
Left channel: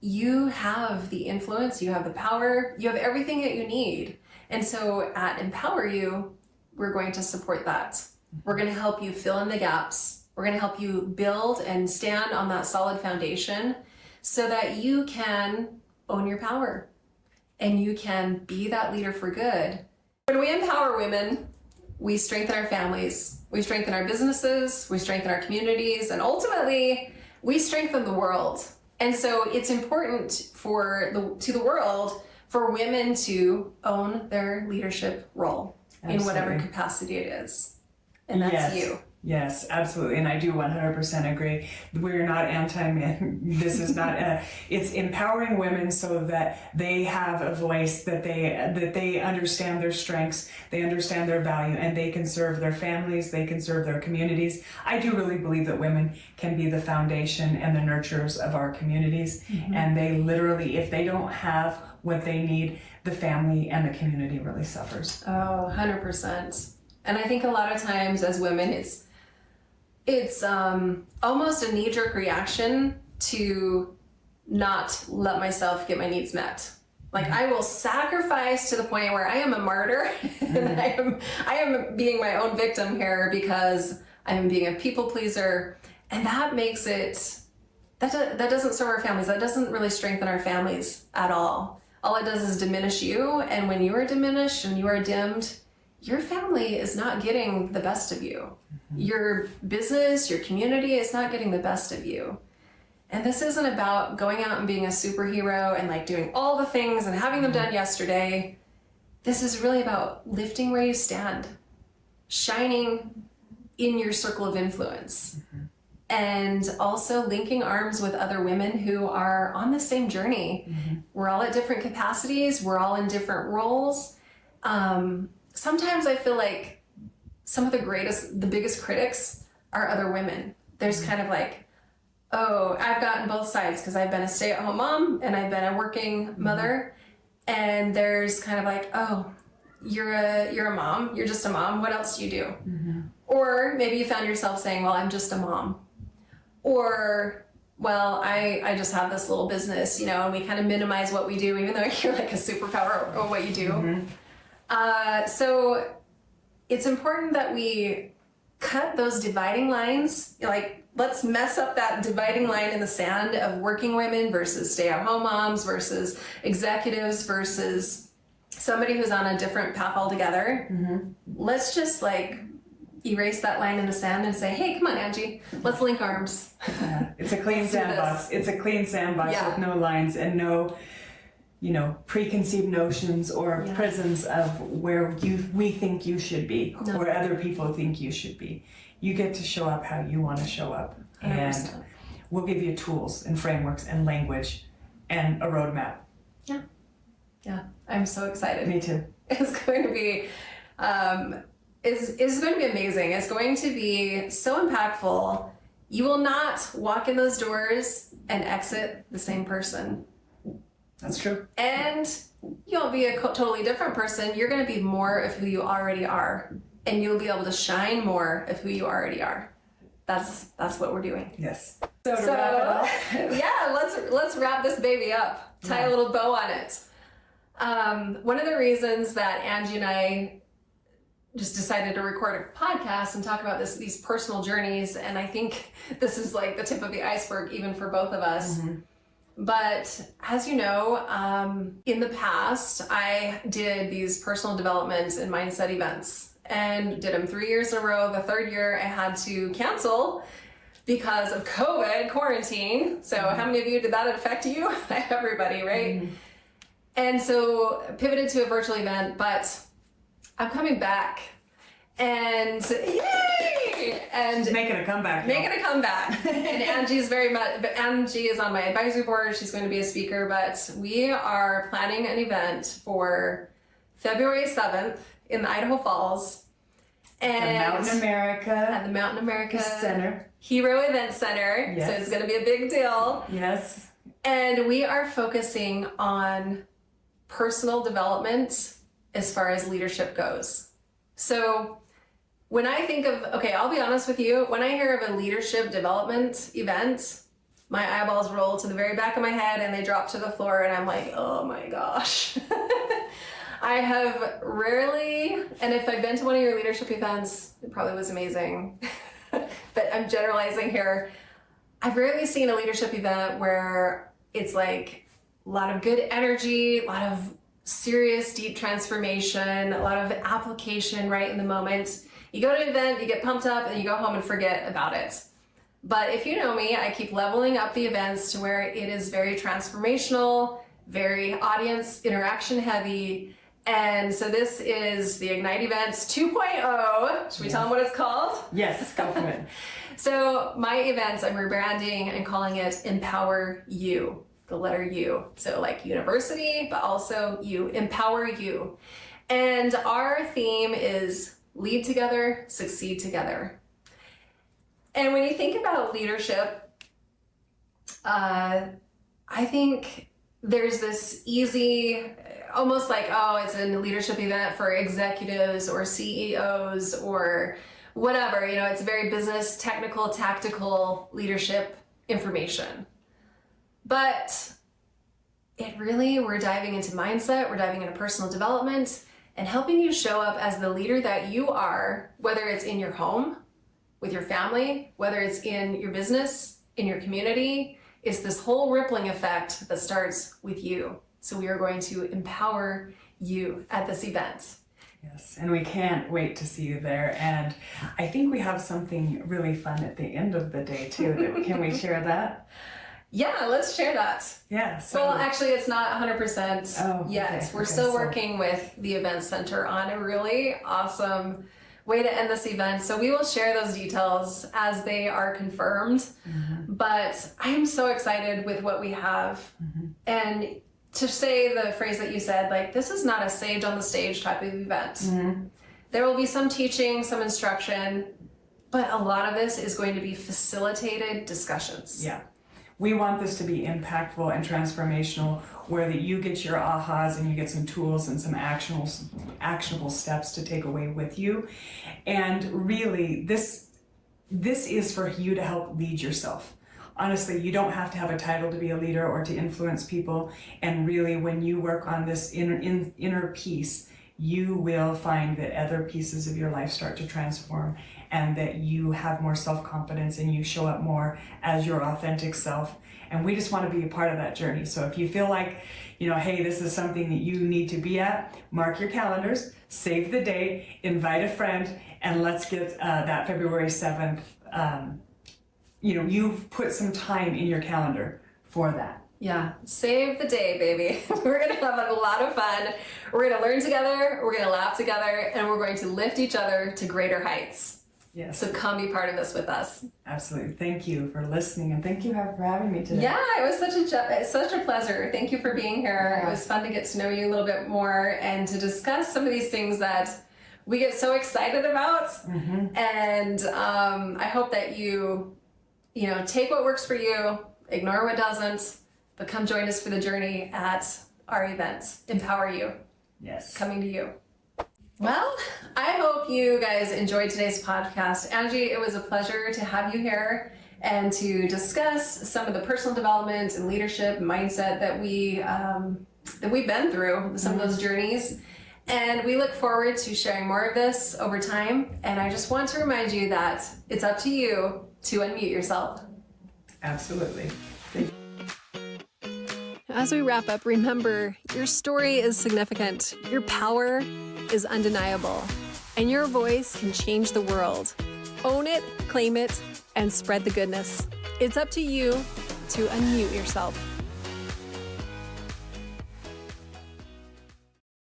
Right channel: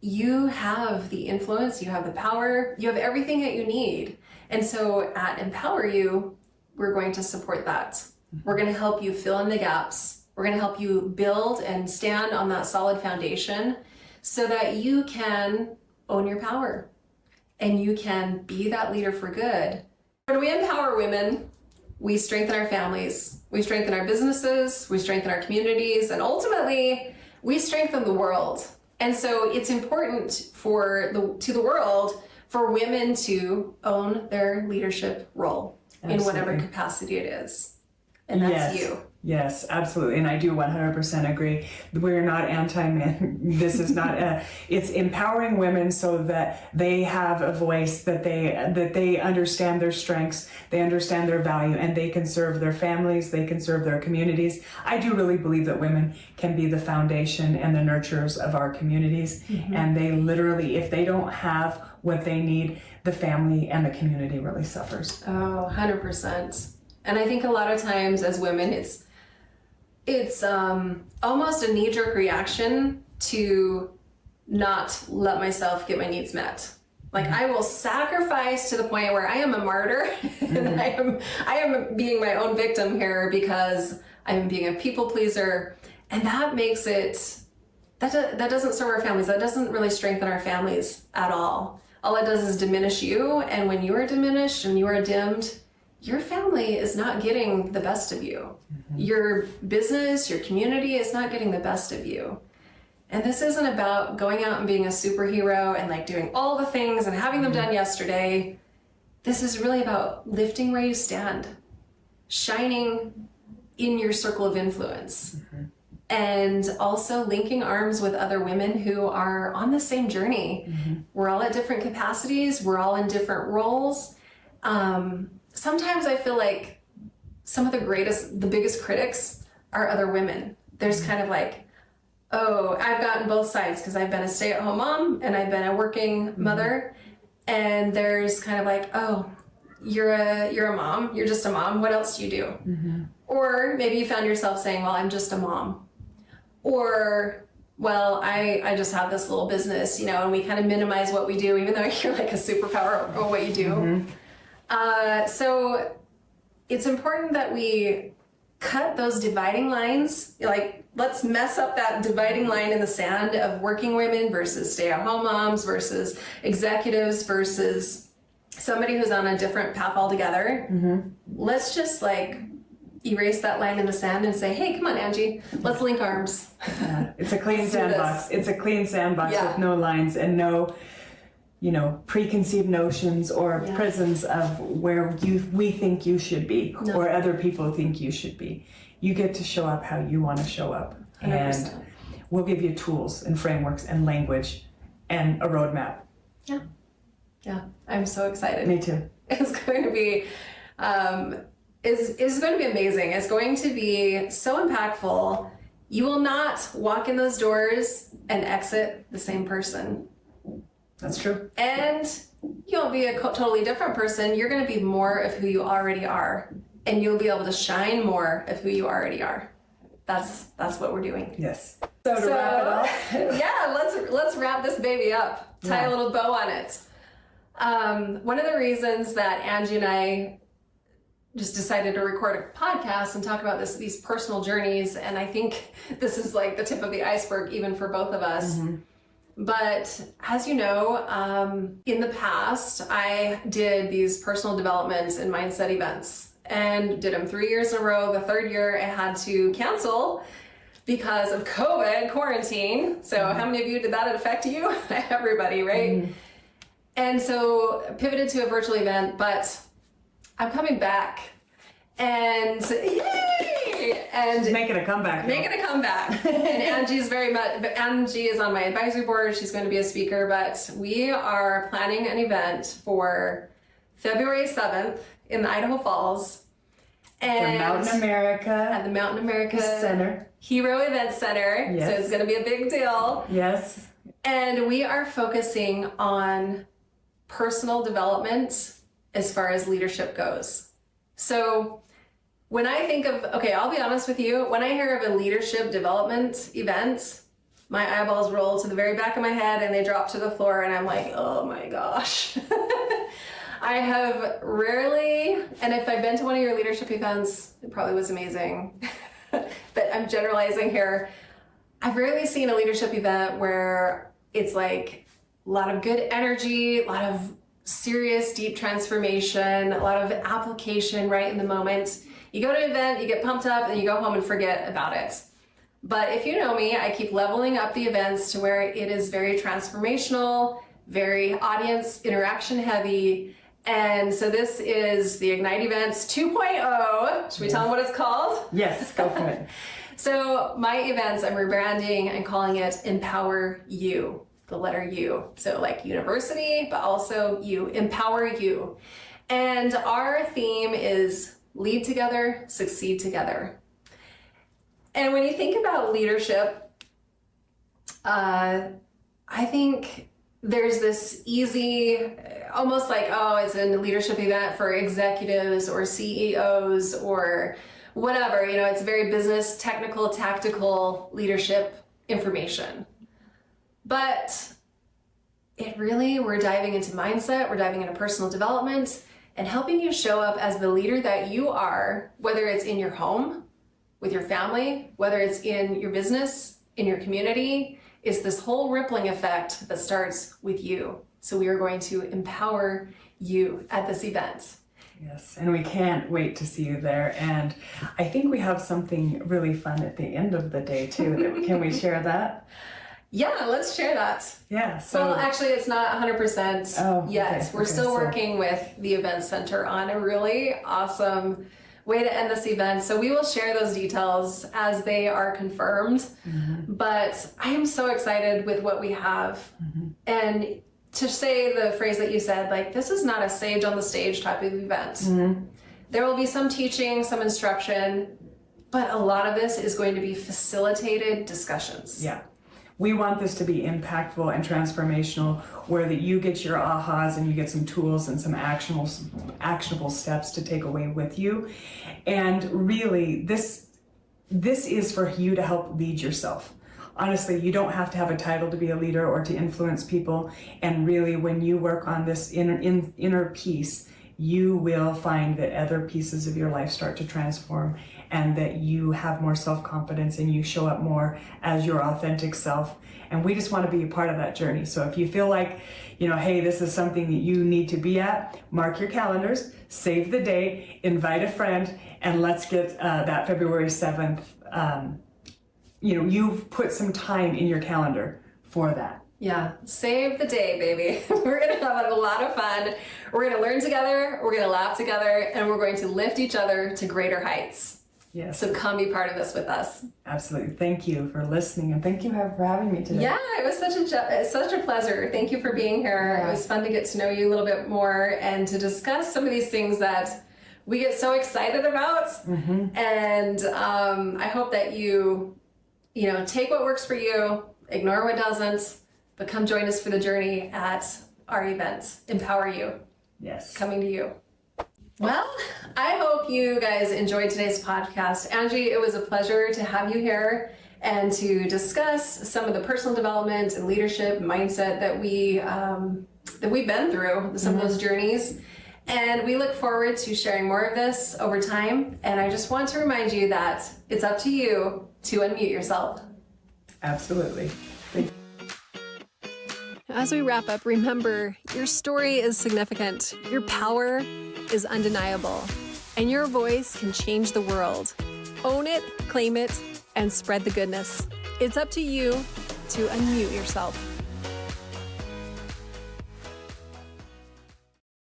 you have the influence, you have the power, you have everything that you need. And so at Empower You, we're going to support that. We're going to help you fill in the gaps. We're going to help you build and stand on that solid foundation so that you can own your power and you can be that leader for good. When we empower women, we strengthen our families, we strengthen our businesses, we strengthen our communities, and ultimately we strengthen the world. And so it's important to the world for women to own their leadership role in whatever capacity it is. And that's you. Yes, absolutely. And I do 100% agree. We're not anti-men. This is not it's empowering women so that they have a voice, that they understand their strengths, they understand their value, and they can serve their families, they can serve their communities. I do really believe that women can be the foundation and the nurturers of our communities. And they literally, if they don't have what they need, the family and the community really suffers. Oh, 100%. And I think a lot of times as women, it's almost a knee-jerk reaction to not let myself get my needs met. Like I will sacrifice to the point where I am a martyr and I am being my own victim here because I am being a people pleaser, and that makes it that doesn't serve our families. That doesn't really strengthen our families at all. All it does is diminish you, and when you are diminished and you are dimmed, your family is not getting the best of you. Your business, your community is not getting the best of you. And this isn't about going out and being a superhero and like doing all the things and having them done yesterday. This is really about lifting where you stand, shining in your circle of influence, and also linking arms with other women who are on the same journey. We're all at different capacities. We're all in different roles. Sometimes I feel like some of the biggest critics are other women. There's kind of like, oh, I've gotten both sides because I've been a stay-at-home mom and I've been a working mother. And there's kind of like, oh, you're a mom. You're just a mom. What else do you do? Or maybe you found yourself saying, well, I'm just a mom. Or, well, I just have this little business, and we kind of minimize what we do, even though you're like a superpower or what you do. So it's important that we cut those dividing lines. Like, let's mess up that dividing line in the sand of working women versus stay-at-home moms versus executives versus somebody who's on a different path altogether. Let's just like erase that line in the sand and say, hey, come on, Angie, let's link arms. It's a clean sandbox. It's a clean sandbox with no lines and no preconceived notions or prisons of where we think you should be or other people think you should be. You get to show up how you want to show up. 100%. And we'll give you tools and frameworks and language and a roadmap. Yeah. I'm so excited. Me too. It's going to be is going to be amazing. It's going to be so impactful. You will not walk in those doors and exit the same person. That's true. And you won't be a totally different person. You're going to be more of who you already are, and you'll be able to shine more of who you already are. That's what we're doing. Yes. So to wrap it up, yeah, let's wrap this baby up. Tie a little bow on it. One of the reasons that Angie and I just decided to record a podcast and talk about these personal journeys, and I think this is like the tip of the iceberg even for both of us. But as you know, in the past, I did these personal development and mindset events and did them 3 years in a row. The third year I had to cancel because of COVID quarantine. So how many of you did that affect you? Everybody, right? And so pivoted to a virtual event, but I'm coming back. And yay! And She's making a comeback. Making a comeback. And Angie is on my advisory board. She's going to be a speaker, but we are planning an event for February 7th in the Idaho Falls. And the Mountain America. At the Mountain America Center. Hero Event Center. Yes. So it's going to be a big deal. Yes. And we are focusing on personal development as far as leadership goes. So when I think of, okay, I'll be honest with you, when I hear of a leadership development event, my eyeballs roll to the very back of my head and they drop to the floor and I'm like, oh my gosh. I have rarely, and if I've been to one of your leadership events, it probably was amazing, but I'm generalizing here. I've rarely seen a leadership event where it's like a lot of good energy, a lot of serious, deep transformation, a lot of application right in the moment. You go to an event, you get pumped up, and you go home and forget about it. But if you know me, I keep leveling up the events to where it is very transformational, very audience interaction heavy. And so this is the Ignite Events 2.0. Should we tell them what it's called? Yes, go for it. So my events, I'm rebranding and calling it Empower You, the letter U. So like university, but also you, empower you. And our theme is lead together, succeed together. And when you think about leadership, I think there's this easy, almost like, oh, it's a leadership event for executives or CEOs or whatever, you know, it's very business, technical, tactical leadership information. But it really, we're diving into mindset, we're diving into personal development and helping you show up as the leader that you are, whether it's in your home, with your family, whether it's in your business, in your community. It's this whole rippling effect that starts with you. So we are going to empower you at this event. Yes, and we can't wait to see you there. And I think we have something really fun at the end of the day too. Can we share that? Yeah, let's share that. Yeah. So, well, actually, it's not 100% yet. Okay, We're still working with the event center on a really awesome way to end this event. So we will share those details as they are confirmed. Mm-hmm. But I am so excited with what we have. Mm-hmm. And to say the phrase that you said, like, this is not a sage on the stage type of event. Mm-hmm. There will be some teaching, some instruction, but a lot of this is going to be facilitated discussions. Yeah. We want this to be impactful and transformational, where that you get your ahas and you get some tools and some actionable steps to take away with you. And really, this is for you to help lead yourself. Honestly, you don't have to have a title to be a leader or to influence people. And really, when you work on this inner peace, you will find that other pieces of your life start to transform, and that you have more self-confidence and you show up more as your authentic self. And we just want to be a part of that journey. So if you feel like, you know, hey, this is something that you need to be at, mark your calendars, save the day, invite a friend, and let's get that February 7th. You've put some time in your calendar for that. Yeah, save the day, baby. We're going to have a lot of fun. We're going to learn together, we're going to laugh together, and we're going to lift each other to greater heights. Yes. So come be part of this with us. Absolutely. Thank you for listening, and thank you for having me today. Yeah, it was such a pleasure. Thank you for being here. Yeah. It was fun to get to know you a little bit more and to discuss some of these things that we get so excited about. Mm-hmm. And I hope that you take what works for you, ignore what doesn't, but come join us for the journey at our event, Empower You. Yes. Coming to you. Well, I hope you guys enjoyed today's podcast. Angie, it was a pleasure to have you here and to discuss some of the personal development and leadership mindset that we've been through, some of those journeys. And we look forward to sharing more of this over time. And I just want to remind you that it's up to you to unmute yourself. Absolutely. As we wrap up, remember, your story is significant. Your power is undeniable, and your voice can change the world. Own it, claim it, and spread the goodness. It's up to you to unmute yourself.